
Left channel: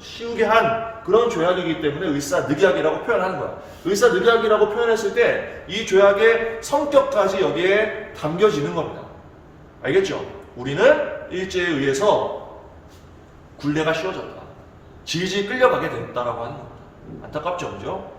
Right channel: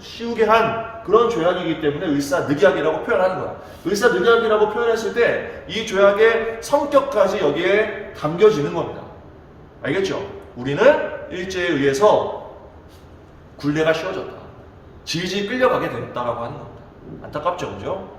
씌우게 한 그런 조약이기 때문에 을사늑약이라고 표현하는 거야. 을사늑약이라고 표현했을 때 이 조약의 성격까지 여기에 담겨지는 겁니다. 알겠죠? 우리는 일제에 의해서 굴레가 씌워졌다. 질질 끌려가게 됐다라고 하는 겁니다. 안타깝죠, 그죠?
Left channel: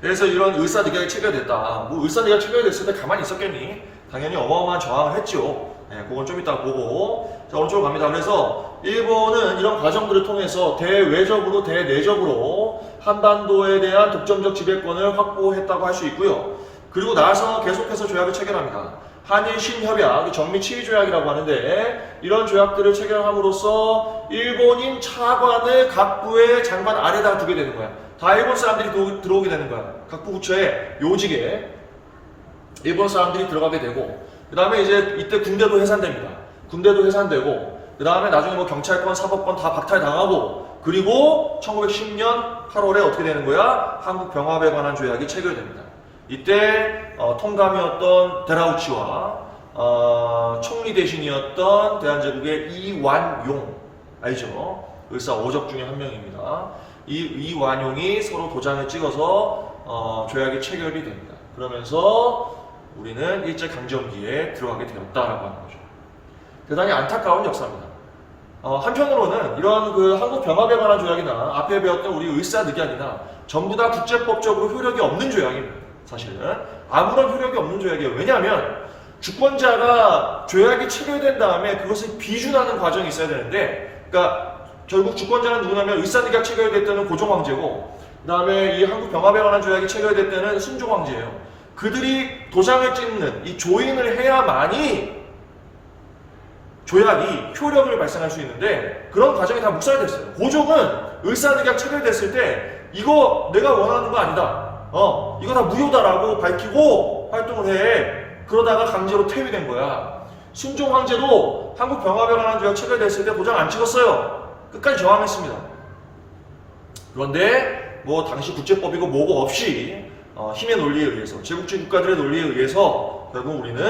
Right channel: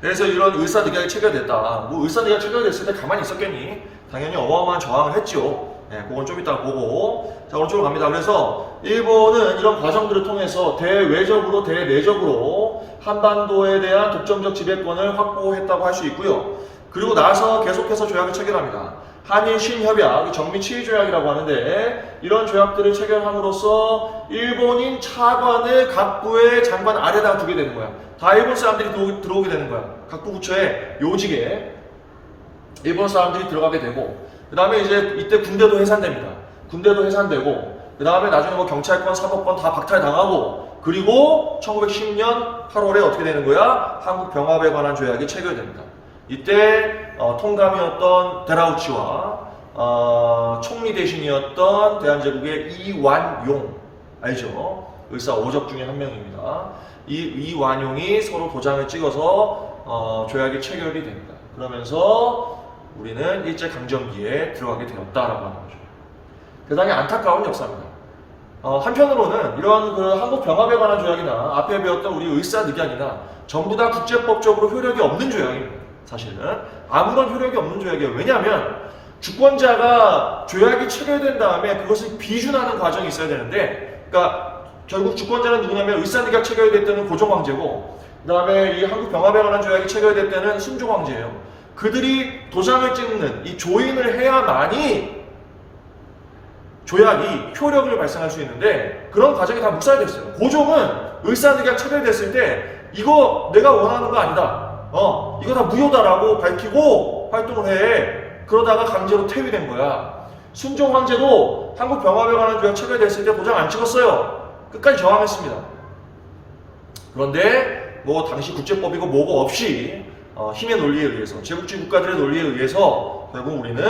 그래서 이런 을사늑약이 체결됐다. 뭐 을사늑약 체결됐을 때 가만히 있었겠니? 당연히 어마어마한 저항을 했죠. 네, 그건 좀 이따 보고. 자, 오른쪽으로 갑니다. 그래서 일본은 이런 과정들을 통해서 대외적으로 대내적으로 한반도에 대한 독점적 지배권을 확보했다고 할 수 있고요. 그리고 나서 계속해서 조약을 체결합니다. 한일 신협약, 정미 치의조약이라고 하는데 이런 조약들을 체결함으로써 일본인 차관을 각부의 장관 아래다 두게 되는 거야. 다 일본 사람들이 들어오게 되는 거야. 각부 부처의 요직에 일본 사람들이 들어가게 되고 그 다음에 이제 이때 군대도 해산됩니다. 군대도 해산되고 그 다음에 나중에 뭐 경찰권, 사법권 다 박탈당하고 그리고 1910년 8월에 어떻게 되는 거야? 한국 병합에 관한 조약이 체결됩니다. 이때 통감이었던 데라우치와 총리 대신이었던 대한제국의 이완용 알죠? 을사 5적 중에 한 명입니다. 이완용이 서로 도장을 찍어서 조약이 체결이 됩니다. 그러면서 우리는 일제강점기에 들어가게 되었다라고 하는 거죠. 대단히 안타까운 역사입니다. 한편으로는 이런 그 한국 병합에 관한 조약이나 앞에 배웠던 우리 을사늑약이나 전부 다 국제법적으로 효력이 없는 조약입니다. 사실은 아무런 효력이 없는 조약이에요. 왜냐하면 주권자가 조약이 체결된 다음에 그것을 비준하는 과정이 있어야 되는데, 그러니까 결국 주권자는 누구냐면 을사늑약 체결될 때는 고종황제고, 그 다음에 이 한국 병합에 관한 조약이 체결될 때는 승종황제예요. 그들이 도장을 찍는 이 조인을 해야만이 조약이 효력을 발생할 수 있는데 그런 과정이 다 묵살됐어요. 고종은 을사늑약 체결됐을 때 이거 내가 원하는 거 아니다. 이거 다 무효다라고 밝히고 활동을 해. 그러다가 강제로 퇴위된 거야. 순종 황제도 한국 병합에 관한 조약 체결됐을 때 도장 안 찍었어요. 끝까지 저항했습니다. 그런데 뭐 당시 국제법이고 뭐고 없이 힘의 논리에 의해서, 제국주의 국가들의 논리에 의해서 결국 우리는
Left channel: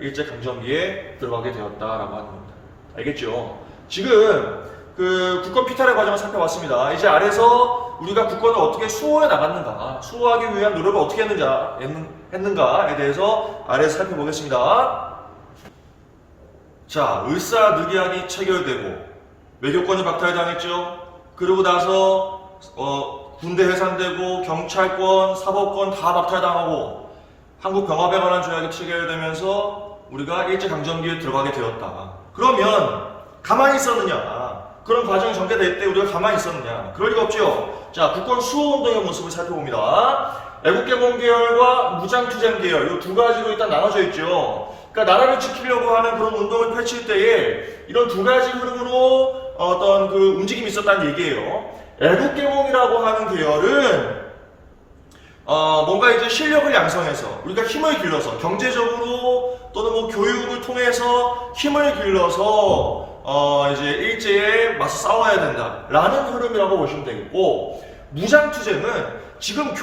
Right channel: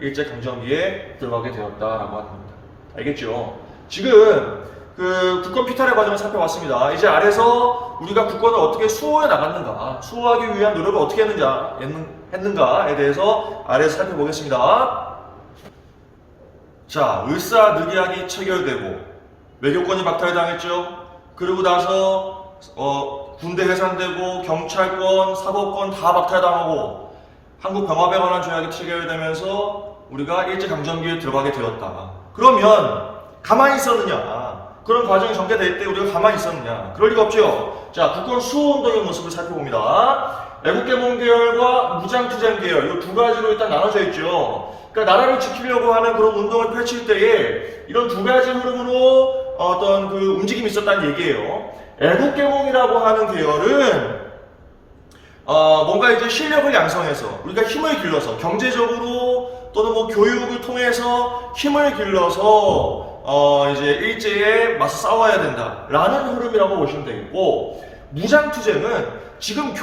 일제강점기에 들어가게 되었다라고 하는 겁니다. 알겠죠? 지금 그 국권 피탈의 과정을 살펴봤습니다. 이제 아래서 우리가 국권을 어떻게 수호해 나갔는가, 수호하기 위한 노력을 어떻게 했는가에 대해서 아래에서 살펴보겠습니다. 자, 을사늑약이 체결되고 외교권이 박탈당했죠. 그러고 나서 군대 해산되고 경찰권, 사법권 다 박탈당하고 한국 병합에 관한 조약이 체결되면서 우리가 일제강점기에 들어가게 되었다. 그러면 가만히 있었느냐? 그런 과정이 전개될 때 우리가 가만히 있었느냐? 그럴 리가 없죠. 자, 국권 수호운동의 모습을 살펴봅니다. 애국개몽 계열과 무장투쟁 계열, 이 두 가지로 일단 나눠져 있죠. 그러니까 나라를 지키려고 하는 그런 운동을 펼칠 때에 이런 두 가지 흐름으로 어떤 그 움직임이 있었다는 얘기예요. 애국개몽이라고 하는 계열은 뭔가 이제 실력을 양성해서 우리가 힘을 길러서 경제적으로 또는 뭐 교육을 통해서 힘을 길러서 이제 일제에 맞서 싸워야 된다라는 흐름이라고 보시면 되겠고, 무장투쟁은 지금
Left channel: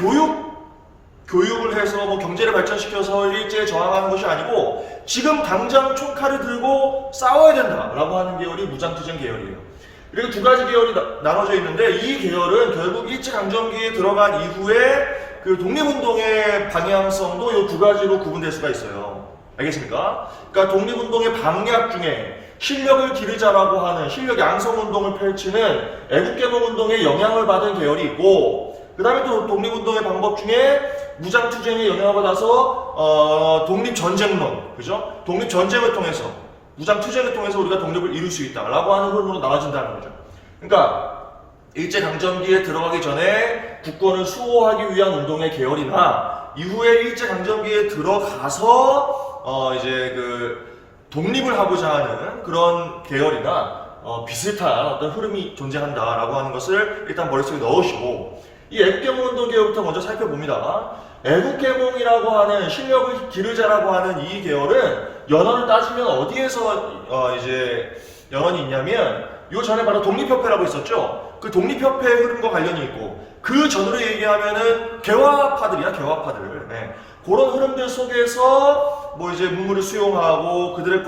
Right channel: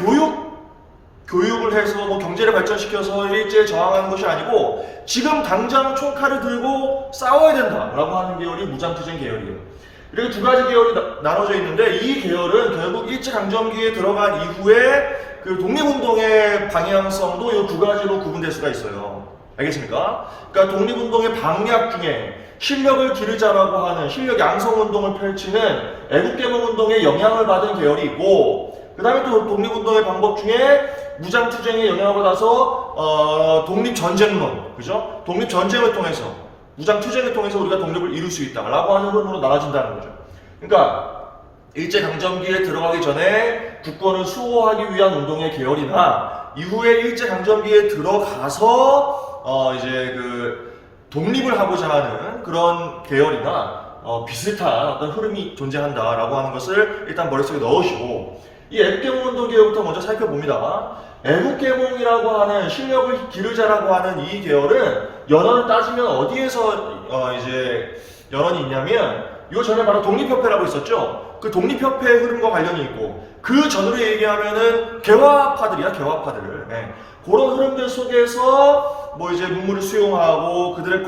교육을 해서 뭐 경제를 발전시켜서 일제에 저항하는 것이 아니고 지금 당장 총칼을 들고 싸워야 된다라고 하는 계열이 무장투쟁 계열이에요. 이렇게 두 가지 계열이 나눠져 있는데 이 계열은 결국 일제강점기에 들어간 이후에 그 독립운동의 방향성도 이 두 가지로 구분될 수가 있어요. 알겠습니까? 그러니까 독립운동의 방략 중에 실력을 기르자라고 하는 실력 양성운동을 펼치는 애국개몽운동의 영향을 받은 계열이 있고, 그 다음에 또 독립운동의 방법 중에 무장투쟁에 영향을 받아서 독립전쟁론, 그죠? 독립전쟁을 통해서, 무장투쟁을 통해서 우리가 독립을 이룰 수 있다라고 하는 흐름으로 나눠진다는 거죠. 그러니까 일제강점기에 들어가기 전에 국권을 수호하기 위한 운동의 계열이나 이후에 일제강점기에 들어가서 이제 그 독립을 하고자 하는 그런 계열이나 비슷한 어떤 흐름이 존재한다라고 하는 것을 일단 머릿속에 넣으시고, 이 애국개몽운동 계열부터 먼저 살펴봅니다. 애국개몽이라고 하는 실력을 기르자라고 하는 이 계열은 연원을 따지면 어디에서 이제 연원이 있냐면 이 전에 바로 독립협회라고 있었죠. 그 독립협회의 흐름과 관련이 있고, 그 전으로 얘기하면은 개화파들이야, 개화파들. 네. 그런 흐름들 속에서 뭐 이제 문물을 수용하고 그들의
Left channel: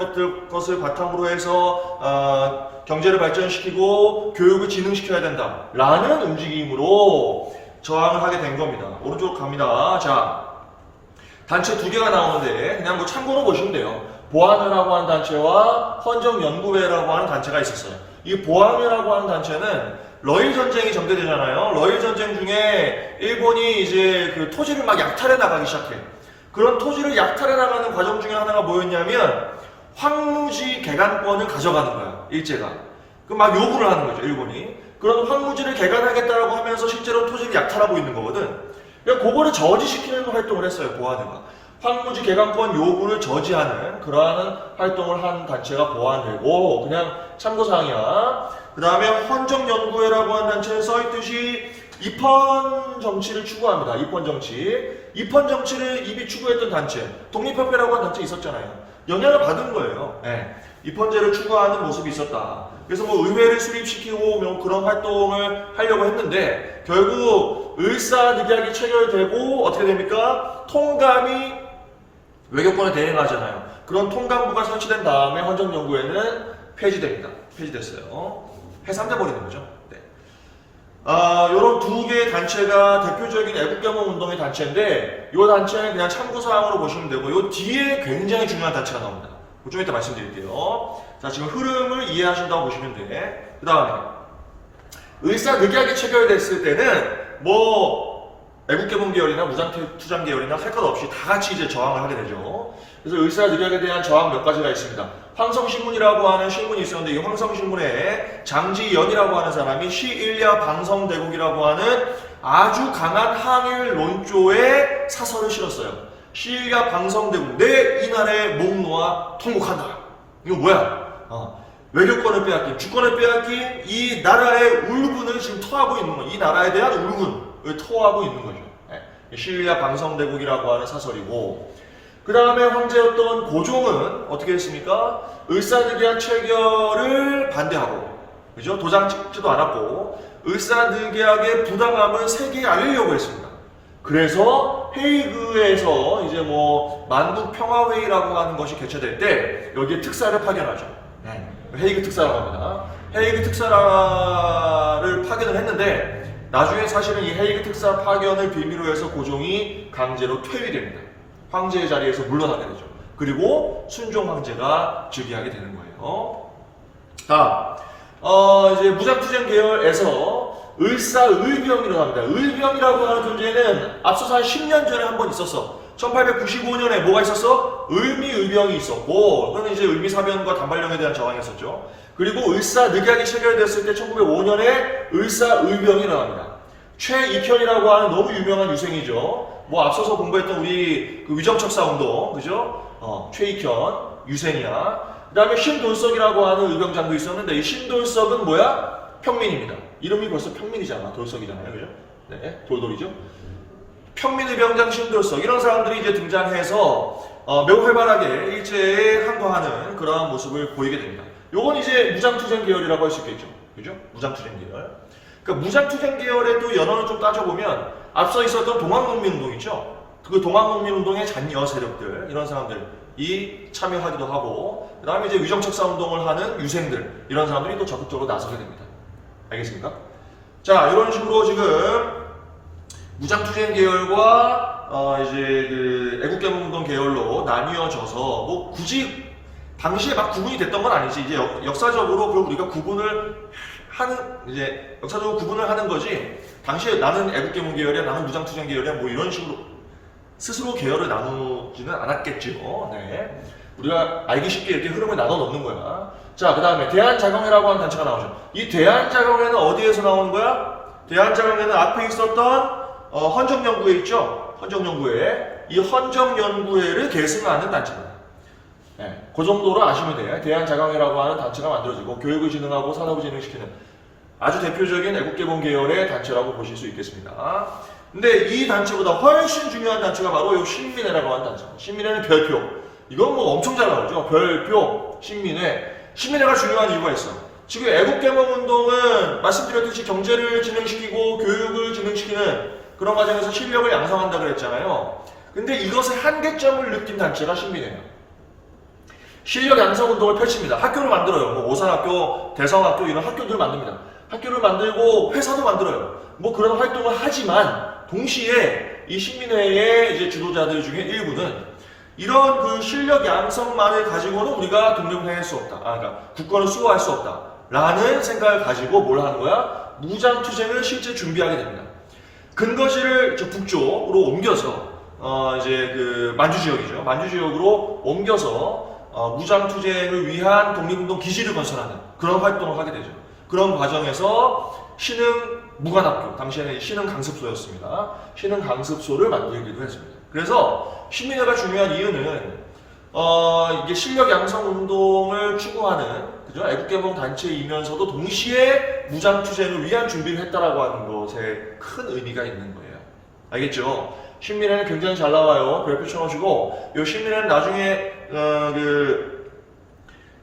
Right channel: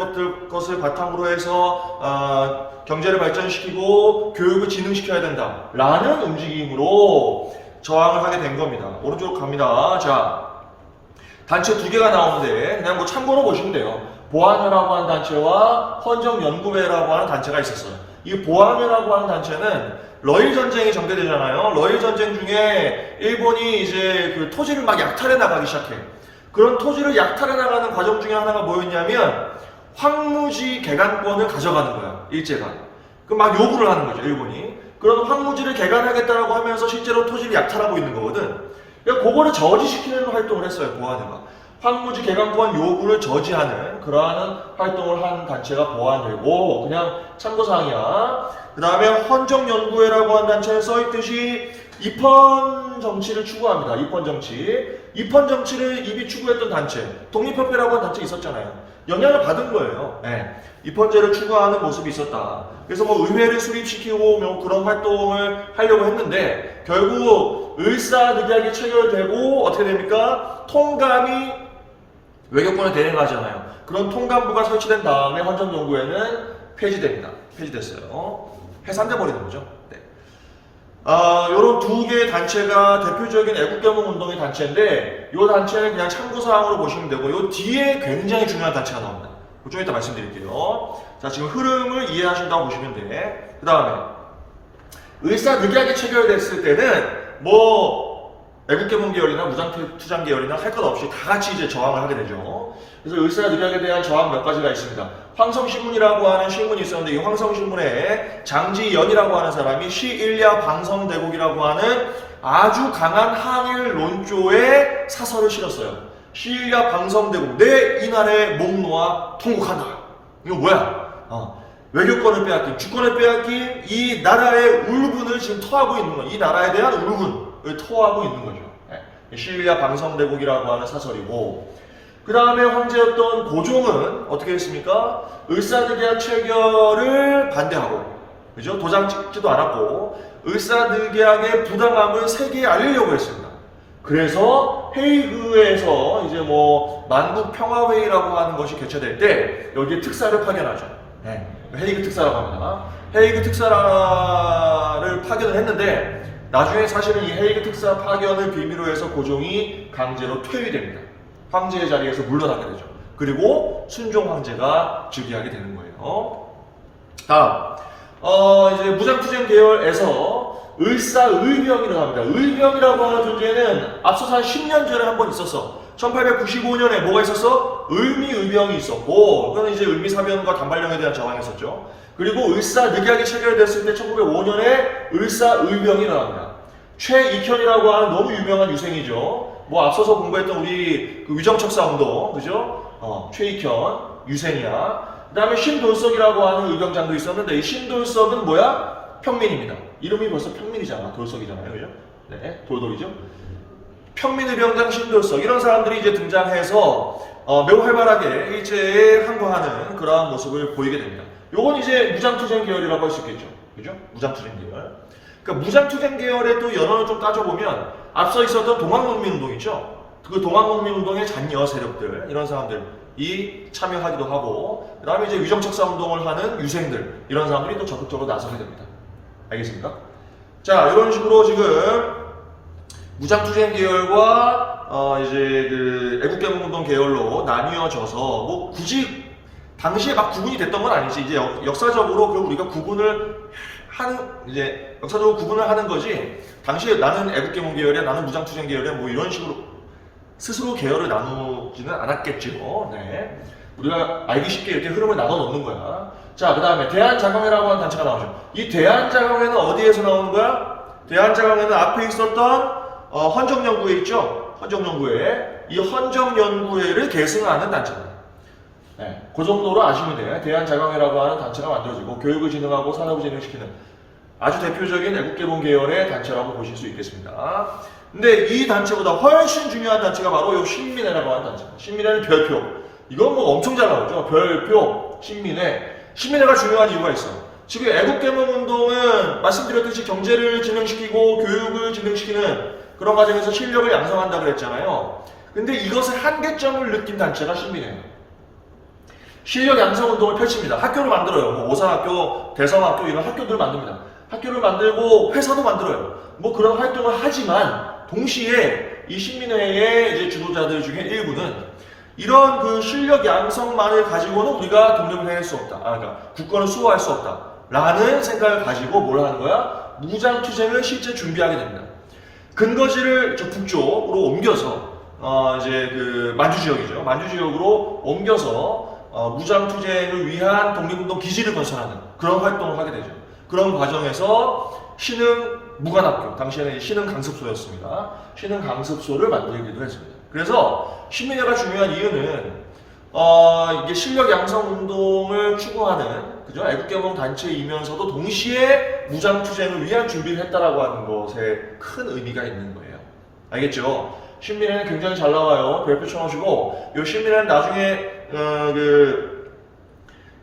것을 바탕으로 해서 경제를 발전시키고 교육을 진흥시켜야 된다라는 움직임으로 저항을 하게 된 겁니다. 오른쪽으로 갑니다. 자, 단체 두 개가 나오는데 그냥 뭐 참고로 보시면 돼요. 보안회라고 하는 단체와 헌정연구회라고 하는 단체가 있었어요. 이 보안회라고 하는 단체는 러일 전쟁이 전개되잖아요. 러일 전쟁 중에 일본이 이제 그 토지를 막 약탈해 나가기 시작해. 그런 토지를 약탈해 나가는 과정 중에 하나가 뭐였냐면 황무지 개간권을 가져가는 거야, 일제가. 그 막 요구를 하는 거죠, 일본이. 그런 황무지를 개간하겠다라고 하면서 실제로 토지를 약탈하고 있는 거거든. 그러니까 그거를 저지시키는 활동을 했어요, 보안회가. 황무지 개간권 요구를 저지하는 그러한 활동을 한 단체가 보안회고, 그냥 참고사항이야. 그 다음에 헌정연구회라고 하는 단체는 써있듯이 입헌 정치를 추구합니다. 입헌 정치. 입헌 정치를 이미 추구했던 단체, 독립협회라고 하는 단체 있었잖아요. 영향을 받은 거예요. 네. 입헌제를 추구하는 모습이 있었다. 그래서 뭐 의회를 수립시키고 뭐 그런 활동을 하려고 했는데 결국 을사늑약이 체결되고 어떻게 됩니까? 통감이 외교권을 대행하잖아요. 그런 통감부가 설치된 다음에 헌정연구회는 폐지됩니다. 폐지됐어요. 해산돼 버리는 거죠. 네. 요런 두 개의 단체가 대표적인 애국개몽 운동의 단체인데, 이 단체는 그냥 참고사항으로 보시면 되고, 요 뒤에 굉장히 중요한 단체가 나옵니다. 좀 이따 말씀드릴게요. 자, 지금 흐름을 이해하신다고 보시면 돼. 그 다음에 을사늑약이 체결됐을 때는 뭐 애국개몽 계열이나 무장투쟁 계열이나 할 것 없이 다 같이 이제 저항을 하게 되죠. 그래서 을사늑약에 대한 저항 몇 가지가 있습니다. 황성신문이라고 하는 신문이 있었는데, 이 황성신문에 장지연이라고 하는 사람이 시일야 방성대국이라고 하는 아주 강한 항일 논조의 사설을 실었어요. 시일야 방성대국, 내 이 나라의 목 놓아 통곡한다. 이거 뭐야? 외교권을 빼앗긴, 주권을 빼앗긴 이 나라의 울분을 지금 토하고 있는 거예요. 이 나라에 대한 울분을 토하고 있는 거죠. 시일야 방성대국이라고 하는 사설이고, 그 다음에 황제였던 고종은 어떻게 했습니까? 을사늑약 체결을 반대하고, 그죠? 도장 찍지도 않았고, 을사늑약의 부당함을 세계에 알리려고 했습니다. 그래서 헤이그에서 이제 뭐 만국 평화회의라고 하는 것이 개최될 때 여기에 특사를 파견하죠. 네. 헤이그 특사라고 합니다. 헤이그 특사를 파견을 했는데 나중에 사실은 이 헤이그 특사 파견을 빌미로 해서 고종이 강제로 퇴위됩니다. 황제의 자리에서 물러나게 되죠. 그리고 순종 황제가 즉위하게 되는 거예요. 이제 무장투쟁 계열에서 을사의병이 일어납니다. 의병이라고 하는 존재는 앞서서 한 10년 전에 한 번 있었어. 1895년에 뭐가 있었어? 을미의병이 있었고, 그건 이제 을미사변과 단발령에 대한 저항이 있었죠. 그리고 을사늑약이 체결됐을 때 1905년에 을사의병이 일어납니다. 최익현이라고 하는 너무 유명한 유생이죠. 뭐 앞서서 공부했던 우리 그 위정척사 운동, 그죠? 최익현, 유생이야. 그 다음에 신돌석이라고 하는 의병장도 있었는데, 이 신돌석은 뭐야? 평민입니다. 이름이 벌써 평민이잖아. 돌석이잖아요. 그죠? 네, 돌돌이죠. 평민의병장 신돌석. 이런 사람들이 이제 등장해서 매우 활발하게 일제에 항거하는 그러한 모습을 보이게 됩니다. 요건 이제 무장투쟁 계열이라고 할 수 있겠죠. 그죠? 무장투쟁 계열. 그러니까 무장투쟁 계열의 또 연원을 좀 따져보면 앞서 있었던 동학농민운동 있죠? 그 동학농민운동의 잔여 세력들, 이런 사람들이 참여하기도 하고, 그 다음에 이제 위정척사 운동을 하는 유생들, 이런 사람들이 또 적극적으로 나서게 됩니다. 알겠습니까? 자, 이런 식으로 지금 무장투쟁 계열과 이제 그 애국개몽운동 계열로 나뉘어져서 뭐 굳이 당시에 막 구분이 됐던 건 아니지. 이제 역사적으로 그걸 우리가 구분을 하는, 이제 역사적으로 구분을 하는 거지. 당시에 나는 애국개몽 계열이야, 나는 무장투쟁 계열이야, 뭐 이런 식으로 스스로 계열을 나누지는 않았겠지요. 네. 우리가 알기 쉽게 이렇게 흐름을 나눠 놓는 거야. 자, 그 다음에 대한자강회라고 하는 단체가 나오죠. 이 대한자강회는 어디에서 나오는 거야? 대한자강회는 앞에 있었던 헌정연구회 있죠? 헌정연구회. 이 헌정연구회를 계승하는 단체입니다. 네, 그 정도로 아시면 돼요. 대한자강회라고 하는 단체가 만들어지고 교육을 진흥하고 산업을 진흥시키는 아주 대표적인 애국개봉 계열의 단체라고 보실 수 있겠습니다. 근데 이 단체보다 훨씬 중요한 단체가 바로 이 신민회라고 하는 단체입니다. 신민회는 별표. 이건 뭐 엄청 잘 나오죠. 별표, 신민회. 신민회가 중요한 이유가 있어. 지금 애국개몽운동은 말씀드렸듯이 경제를 진흥시키고 교육을 진흥시키는 그런 과정에서 실력을 양성한다고 했잖아요. 근데 이것의 한계점을 느낀 단체가 신민회예요. 실력 양성 운동을 펼칩니다. 학교를 만들어요. 뭐 오산학교, 대성학교 이런 학교들을 만듭니다. 학교를 만들고 회사도 만들어요. 뭐 그런 활동을 하지만 동시에 이 신민회의 이제 지도자들 중에 일부는 이런 그 실력 양성만을 가지고는 우리가 독립을 해낼 수 없다. 그러니까 국가를 수호할 수 없다. 라는 생각을 가지고 뭘 하는 거야? 무장투쟁을 실제 준비하게 됩니다. 근거지를 저 북쪽으로 옮겨서 이제 그 만주 지역이죠. 만주 지역으로 옮겨서 무장투쟁을 위한 독립운동 기지를 건설하는 그런 활동을 하게 되죠. 그런 과정에서 신흥 무관학교, 당시에는 신흥 강습소였습니다. 신흥 강습소를 만들기도 했습니다. 그래서 신민회가 중요한 이유는 이게 실력 양성 운동을 추구하는 그죠? 애국개몽 단체이면서도 동시에 무장투쟁을 위한 준비를 했다라고 하는 것에 큰 의미가 있는 거예요. 알겠죠? 신민회는 굉장히 잘 나와요. 별표 쳐놓으시고 이 신민회는 나중에 그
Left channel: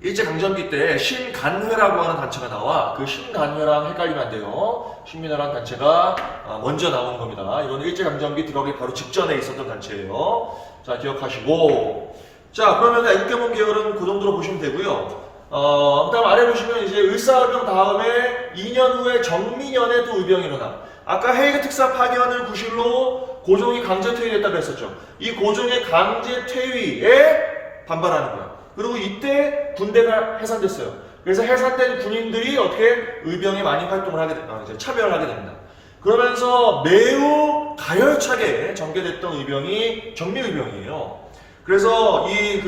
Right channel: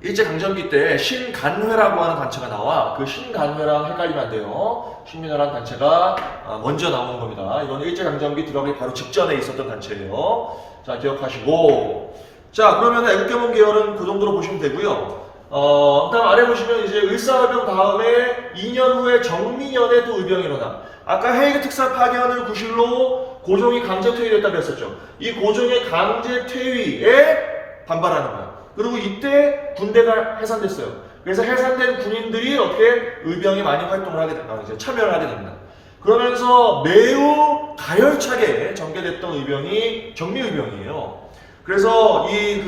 일제강점기 때 신간회라고 하는 단체가 나와. 그 신간회랑 헷갈리면 안 돼요. 신민회라는 단체가 먼저 나오는 겁니다. 이건 일제강점기 들어가기 바로 직전에 있었던 단체예요. 자, 기억하시고. 자, 그러면 애국개몽 계열은 그 정도로 보시면 되고요. 그 다음 아래 보시면 이제 을사의병 다음에 2년 후에 정민년에 또 의병이 일어나. 아까 헤이그 특사 파견을 구실로 고종이 강제 퇴위됐다고 했었죠. 이 고종의 강제 퇴위에 반발하는 거야. 그리고 이때 군대가 해산됐어요. 그래서 해산된 군인들이 어떻게 의병에 많이 활동을 하게 됩니다. 이제 참여를 하게 됩니다. 그러면서 매우 가열차게 전개됐던 의병이 정미의병이에요. 그래서 이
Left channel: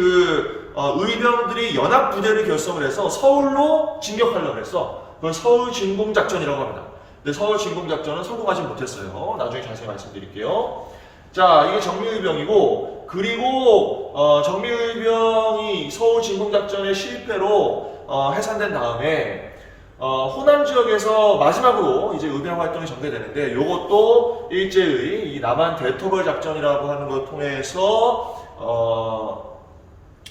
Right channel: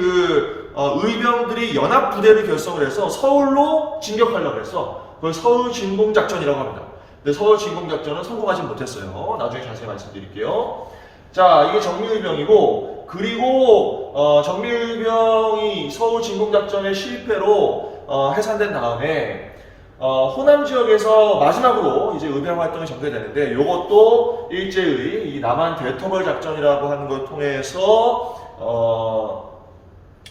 의병들이 연합부대를 결성을 해서 서울로 진격하려고 했어. 그걸 서울진공작전이라고 합니다. 근데 서울진공작전은 성공하지 못했어요. 나중에 자세히 말씀드릴게요. 자, 이게 정미의병이고, 그리고 정미의병이 서울진공작전의 실패로 해산된 다음에 호남 지역에서 마지막으로 이제 의병 활동이 전개되는데, 이것도 일제의 이 남한 대토벌 작전이라고 하는 걸 통해서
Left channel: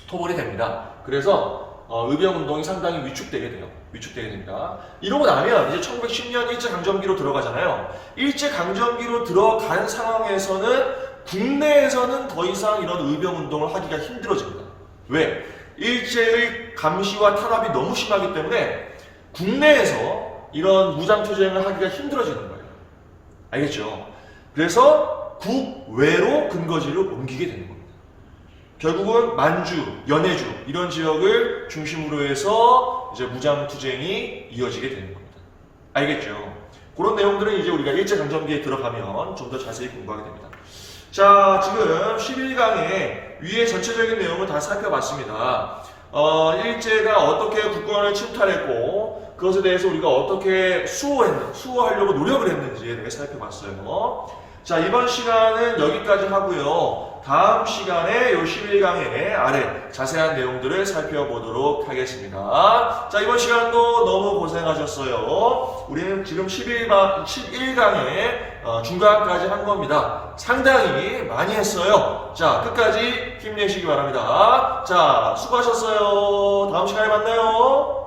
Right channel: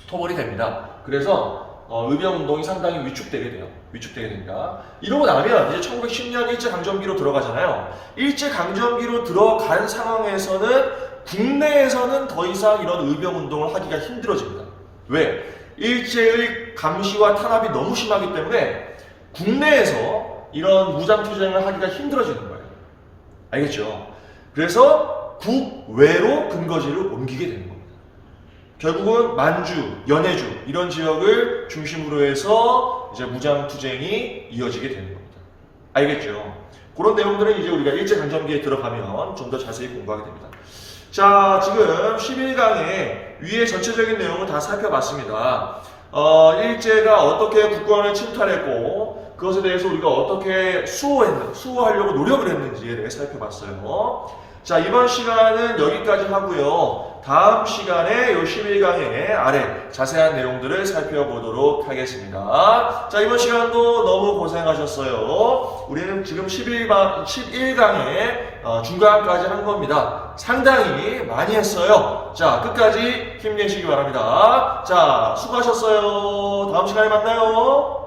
토벌이 됩니다. 그래서 의병 운동이 상당히 위축되게 돼요. 위축되게 됩니다. 이러고 나면 이제 1910년 일제강점기로 들어가잖아요. 일제강점기로 들어간 상황에서는 국내에서는 더 이상 이런 의병 운동을 하기가 힘들어집니다. 왜? 일제의 감시와 탄압이 너무 심하기 때문에 국내에서 이런 무장투쟁을 하기가 힘들어지는 거예요. 알겠죠? 그래서 국외로 근거지를 옮기게 되는 겁니다. 결국은 만주, 연해주 이런 지역을 중심으로 해서 이제 무장투쟁이 이어지게 되는 겁니다. 알겠죠? 그런 내용들은 이제 우리가 일제강점기에 들어가면 좀 더 자세히 공부하게 됩니다. 자, 지금 11강의 위의 전체적인 내용을 다 살펴봤습니다. 일제가 어떻게 국권을 침탈했고 그것에 대해서 우리가 어떻게 수호하려고 노력을 했는지에 대해 살펴봤어요. 자, 이번 시간은 여기까지 하고요. 다음 시간에 이 11강의 아래 자세한 내용들을 살펴보도록 하겠습니다. 자, 이번 시간도 너무 고생하셨어요. 우리는 지금 11강의 중간까지 한 겁니다. 상당히 많이 했어요. 자, 끝까지 힘내시기 바랍니다. 자, 수고하셨어요. 다음 시간에 만나요.